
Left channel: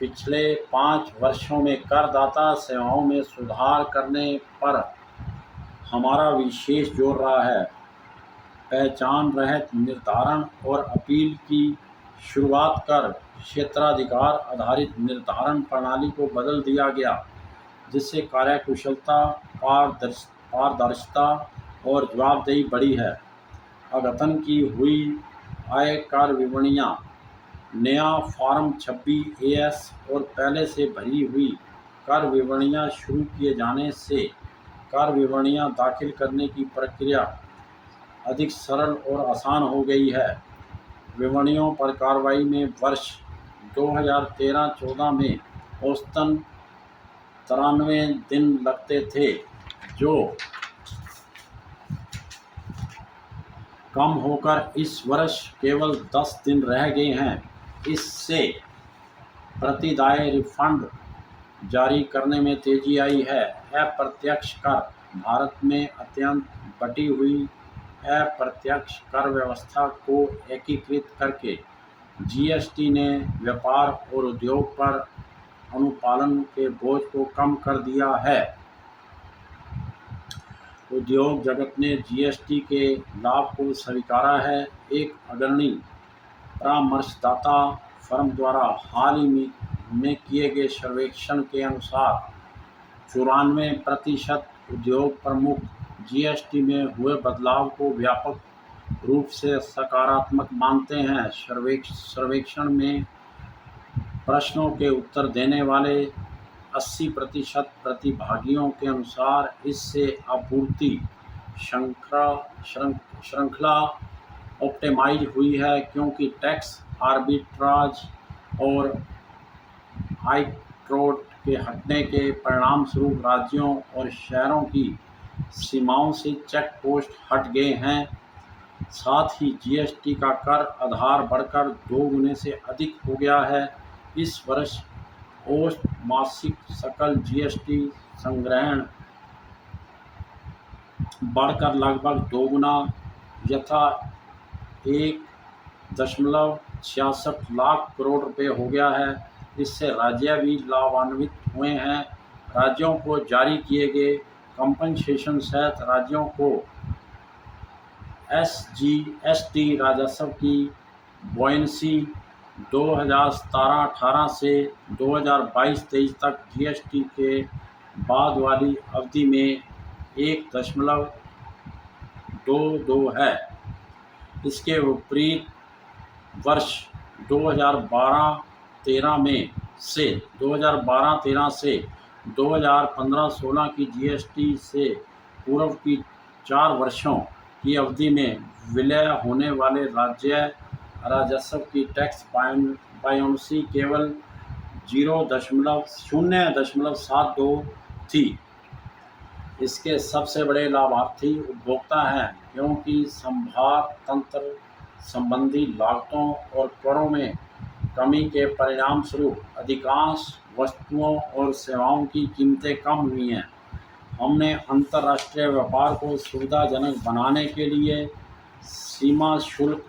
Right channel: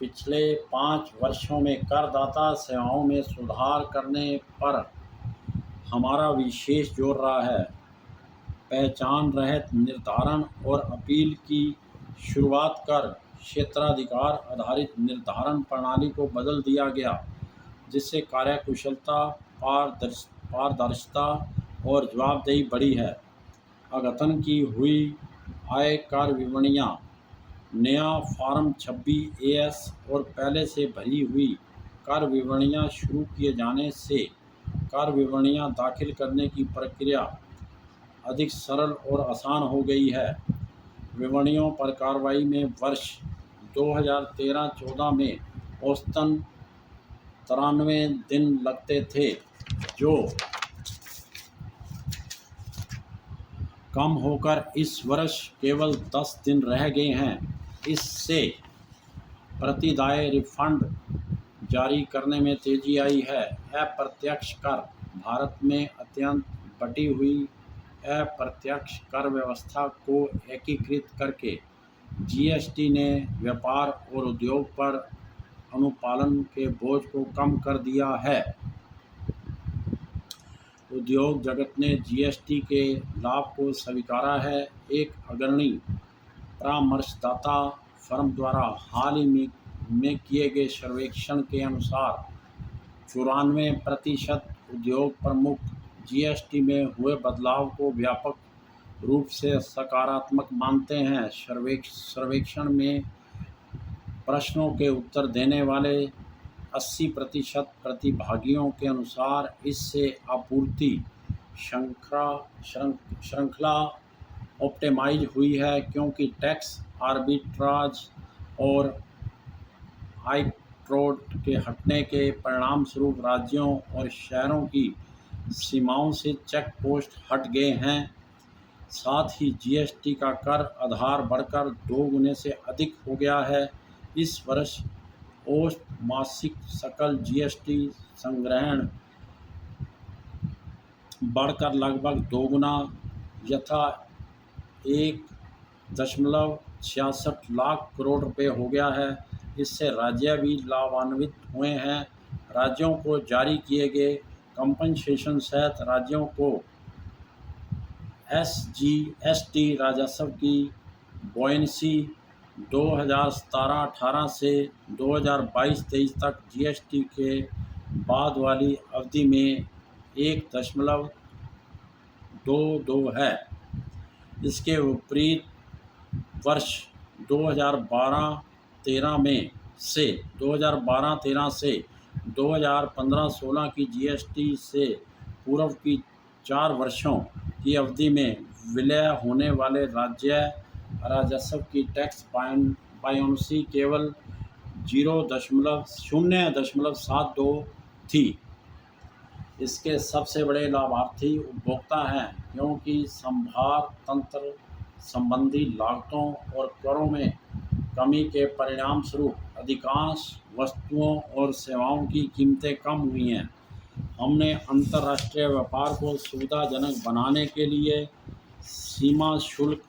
पिछले 5 वर्षों में करदाता सेवाओं में सुधार करने पर हमारा विशेष जोर रहा है। पहचान रहित निर्धारण और अपील की शुरुआत कर क्षेत्राधिकार आधारित निर्धारण प्रणाली को बदल दिया गया, जिससे कार्यकुशलता, पारदर्शिता और जवाबदेही बढ़ी है। अद्यतन की हुई आयकर विवरणियाँ, नया फॉर्म 26AS और पहले से भरी हुई कर विवरणियाँ शुरू किए जाने से कर विवरणियाँ दाखिल करने की प्रक्रिया अधिक सरल और आसान हो गई है। विवरणियों पर कार्रवाई में वर्ष 2013-14 में औसतन 93 दिन लगते थे, जो कम होकर इस वर्ष केवल 10 दिन रह गए हैं। इससे प्रतिदाय रिफंड जारी करने में तेजी आई है। अप्रत्यक्ष कर भारत में अत्यंत बटी हुई अप्रत्यक्ष कर व्यवस्था को एकीकृत करके GST ने व्यापार और उद्योग पर अनुपालन के बोझ को कम कर दिया है। उद्योग जगत ने GST के लाभ को स्वीकारा है। एक अग्रणी परामर्शदाता फर्म द्वारा हाल ही में किए गए सर्वेक्षण के अनुसार 94% उद्योग प्रमुख GST में हुए बदलाव को व्यापक रूप से सकारात्मक मानते हैं। सर्वेक्षण में प्रश्नों के उत्तर देने वाले 80% प्रतिभागियों के अनुसार इससे आपूर्ति श्रृंखला ऑप्टिमाइज हुई है, क्योंकि टैक्स आर्बिट्राज और आयकरोड के हटने के परिणामस्वरूप राज्यों और शहरों की सीमाओं से चेक पोस्ट हट गए हैं। साथ ही GST का कर आधार बढ़कर 2 गुने से अधिक हो गया है। इस वर्ष औसत मासिक सकल जीएसटी संग्रहण बढ़कर लगभग दोगुना यथा 1.66 करोड़ रुपए हो गया है। इससे राज्य भी लाभान्वित हुए हैं। राज्यों को जारी किए गए कंपनसेशन सहित राज्यों को SGST राजस्व की बॉयंसी 2017-18 से 2022-23 तक जीएसटी के बाद वाली अवधि में 1.22 है। इसके विपरीत वर्ष 2012-13 से 2015-16 की जीएसटी से पूर्व की 4 वर्षों की अवधि में विलय होने वाले राज्य राजस्व की टैक्स बॉयंसी केवल 0.72 थी। इसके सबसे बड़े लाभार्थी उपभोक्ता हैं, क्योंकि संभार तंत्र संबंधी लागतों और करों में कमी के परिणामस्वरूप अधिकांश वस्तुओं और सेवाओं की कीमतें कम हुई हैं। हमने अंतर्राष्ट्रीय व्यापार को सुविधाजनक बनाने के लिए सीमा शुल्क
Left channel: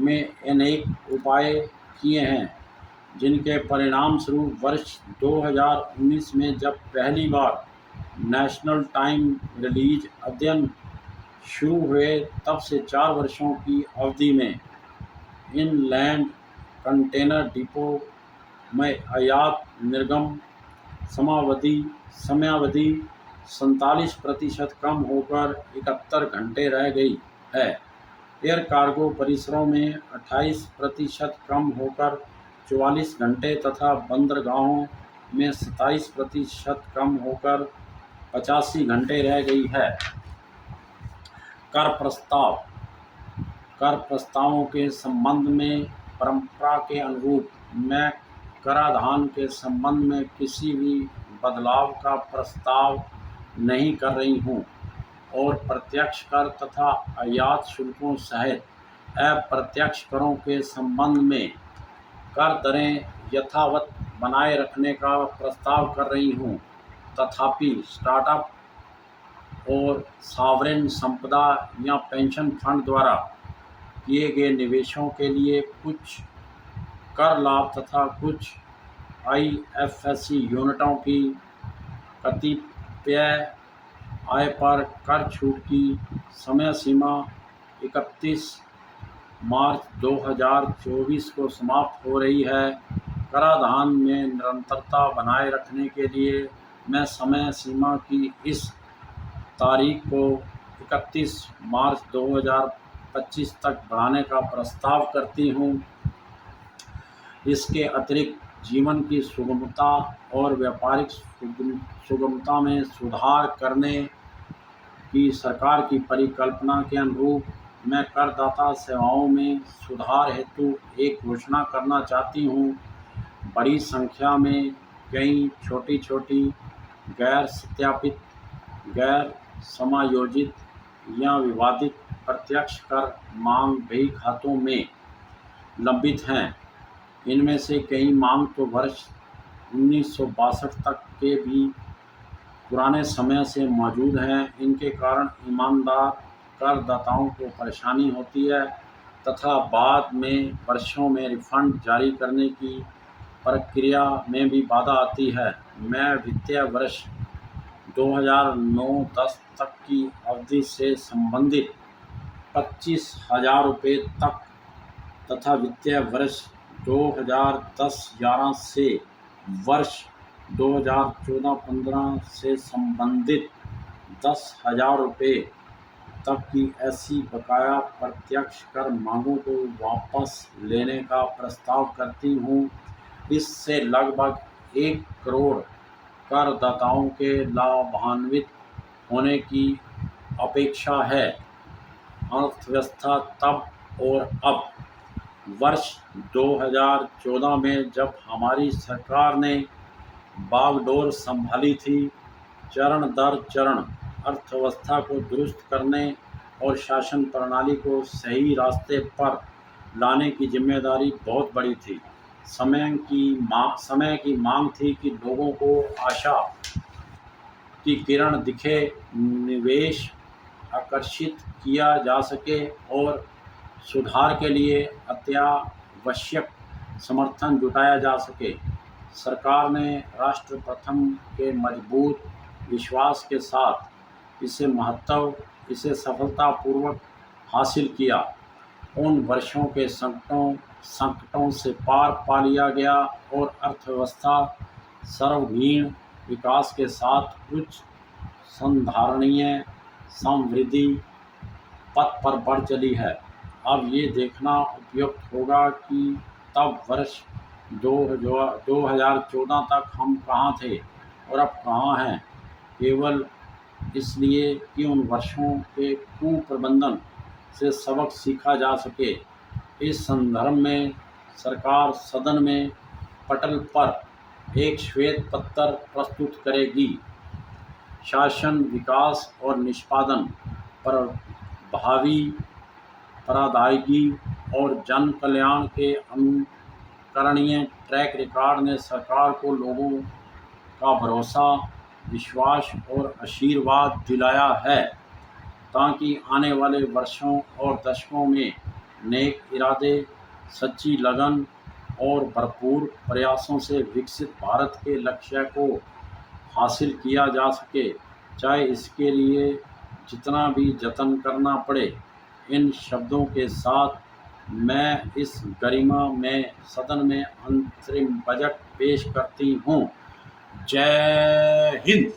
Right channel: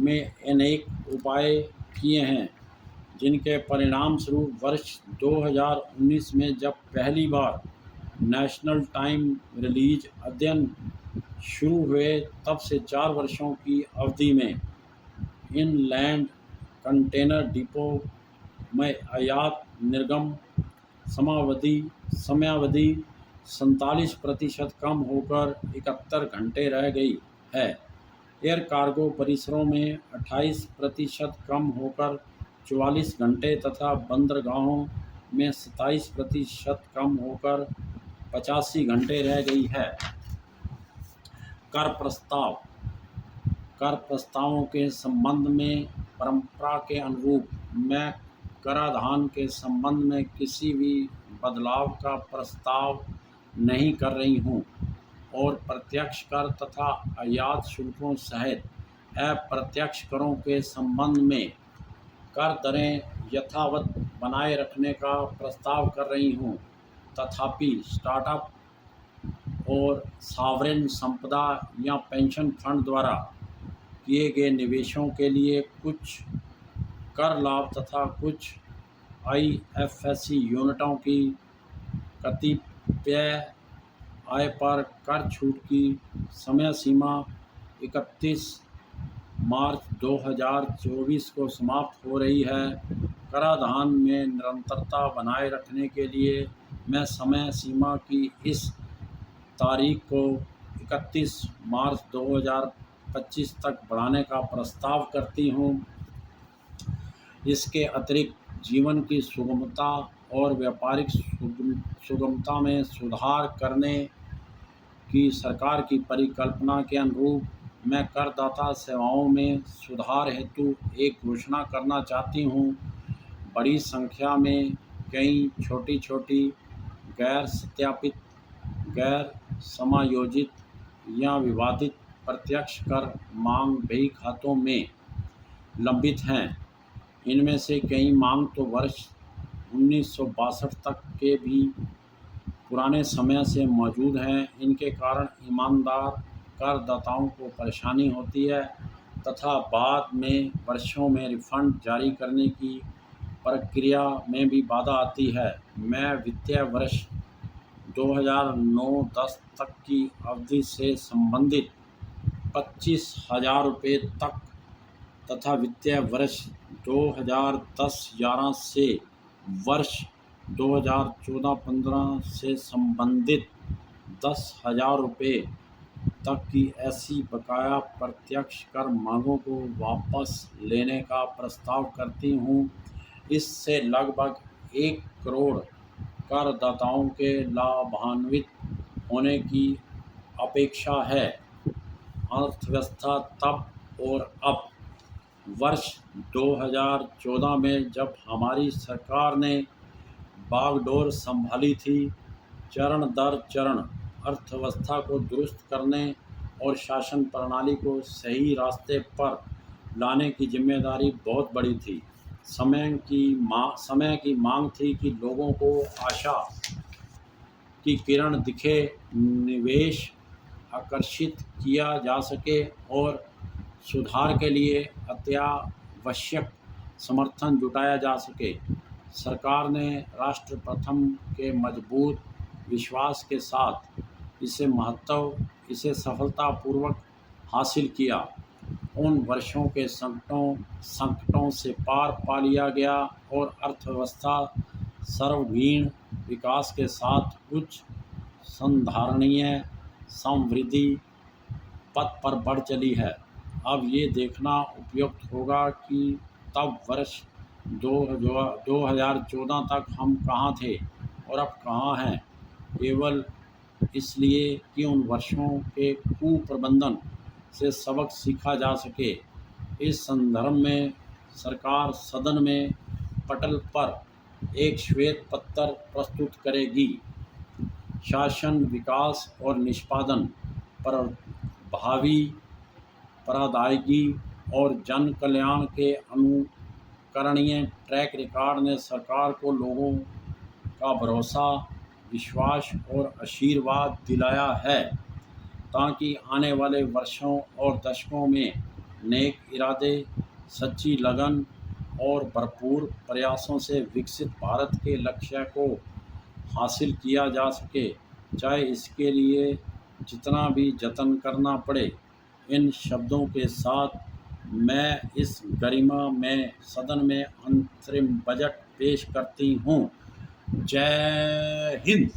में अनेक उपाय किए हैं, जिनके परिणामस्वरूप वर्ष 2019 में जब पहली बार नेशनल टाइम रिलीज अध्ययन शुरू हुए, तब से 4 वर्षों की अवधि में इनलैंड कंटेनर डिपो में आयात निर्गम समयावधि 47% कम होकर 71 घंटे रह गई है। एयर कार्गो परिसरों में 28% कम होकर 44 घंटे तथा बंदरगाहों में 27% कम होकर 85 घंटे रह गई है। कर प्रस्तावों के संबंध में परंपरा के अनुरूप मैं कराधान के संबंध में किसी भी बदलाव का प्रस्ताव नहीं कर रही हूँ और प्रत्यक्ष कर तथा आयात शुल्कों सहित अप्रत्यक्ष करों के संबंध में कर दरें यथावत बनाए रखने का प्रस्ताव कर रही हूँ। तथापि स्टार्टअप और सॉवरेन संपदा या पेंशन फंड द्वारा किए गए निवेशों के लिए कुछ कर लाभ तथा कुछ आईएफएससी यूनिटों की कतिपय आय पर कर छूट की समय सीमा 31 मार्च 2024 को समाप्त हो रही है। कराधान में निरंतरता बनाए रखने के लिए मैं समय सीमा की इस तारीख को 31 मार्च 2025 तक बढ़ाने का प्रस्ताव करती हूँ। इसके अतिरिक्त जीवन की सुगमता और व्यापारिक सुगमता में सुधार करने की सरकार की परिकल्पना के अनुरूप मैं करदाता सेवाओं में सुधार हेतु एक घोषणा करना चाहती हूँ। बड़ी संख्या में कई छोटी गैर सत्यापित, गैर समायोजित या विवादित प्रत्यक्ष कर मांग बही खातों में लंबित हैं। इनमें से कई मांग तो वर्ष 1962 तक के भी पुराने समय से मौजूद हैं। इनके कारण ईमानदार करदाताओं को परेशानी होती है तथा बाद में वर्षों में रिफंड जारी करने की प्रक्रिया में भी बाधा आती है। मैं वित्तीय वर्ष 2009-10 तक की अवधि से संबंधित 25,000 रुपये तक तथा वित्तीय वर्ष 2010-11 से वर्ष 2014-15 से संबंधित 10,000 रुपये तक की ऐसी बकाया प्रत्यक्ष कर मांगों को वापस लेने का प्रस्ताव करती हूँ। इससे लगभग 1 करोड़ करदाताओं के लाभान्वित होने की अपेक्षा है। अर्थव्यवस्था तब और अब वर्ष 2014 में जब हमारी सरकार ने बागडोर संभाली थी, चरण दर चरण अर्थव्यवस्था को दुरुस्त करने और शासन प्रणाली को सही रास्ते पर लाने की जिम्मेदारी बहुत बड़ी थी। समय की मांग थी कि लोगों को आशा की किरण दिखे, निवेश आकर्षित किया जा सके और सुधार के लिए अत्यावश्यक समर्थन जुटाया जा सके। सरकार ने राष्ट्र प्रथम के मजबूत विश्वास के साथ इसे सफलतापूर्वक हासिल किया। उन वर्षों के संकटों से पार पा लिया गया और अर्थव्यवस्था सर्वांगीण विकास के साथ उच्च संधारणीय समृद्धि पथ पर बढ़ चली है। अब ये देखना उपयुक्त होगा कि तब वर्ष 2014 तक हम कहाँ थे और अब कहाँ हैं, केवल इसलिए कि उन वर्षों के कुप्रबंधन से सबक सीखा जा सके। इस संदर्भ में सरकार सदन में पटल पर एक श्वेत पत्र प्रस्तुत करेगी। शासन, विकास और निष्पादन पर भावी प्रदायगी और जन कल्याण के अनुकरणीय ट्रैक रिकॉर्ड ने सरकार को लोगों का भरोसा, विश्वास और आशीर्वाद दिलाया है, ताकि आने वाले वर्षों और दशकों में नेक इरादे, सच्ची लगन और भरपूर प्रयासों से विकसित भारत के लक्ष्य को हासिल किया जा सके, चाहे इसके लिए जितना भी जतन करना पड़े। इन शब्दों के साथ मैं इस गरिमा में सदन में अंतरिम बजट पेश करती हूँ। जय हिंद।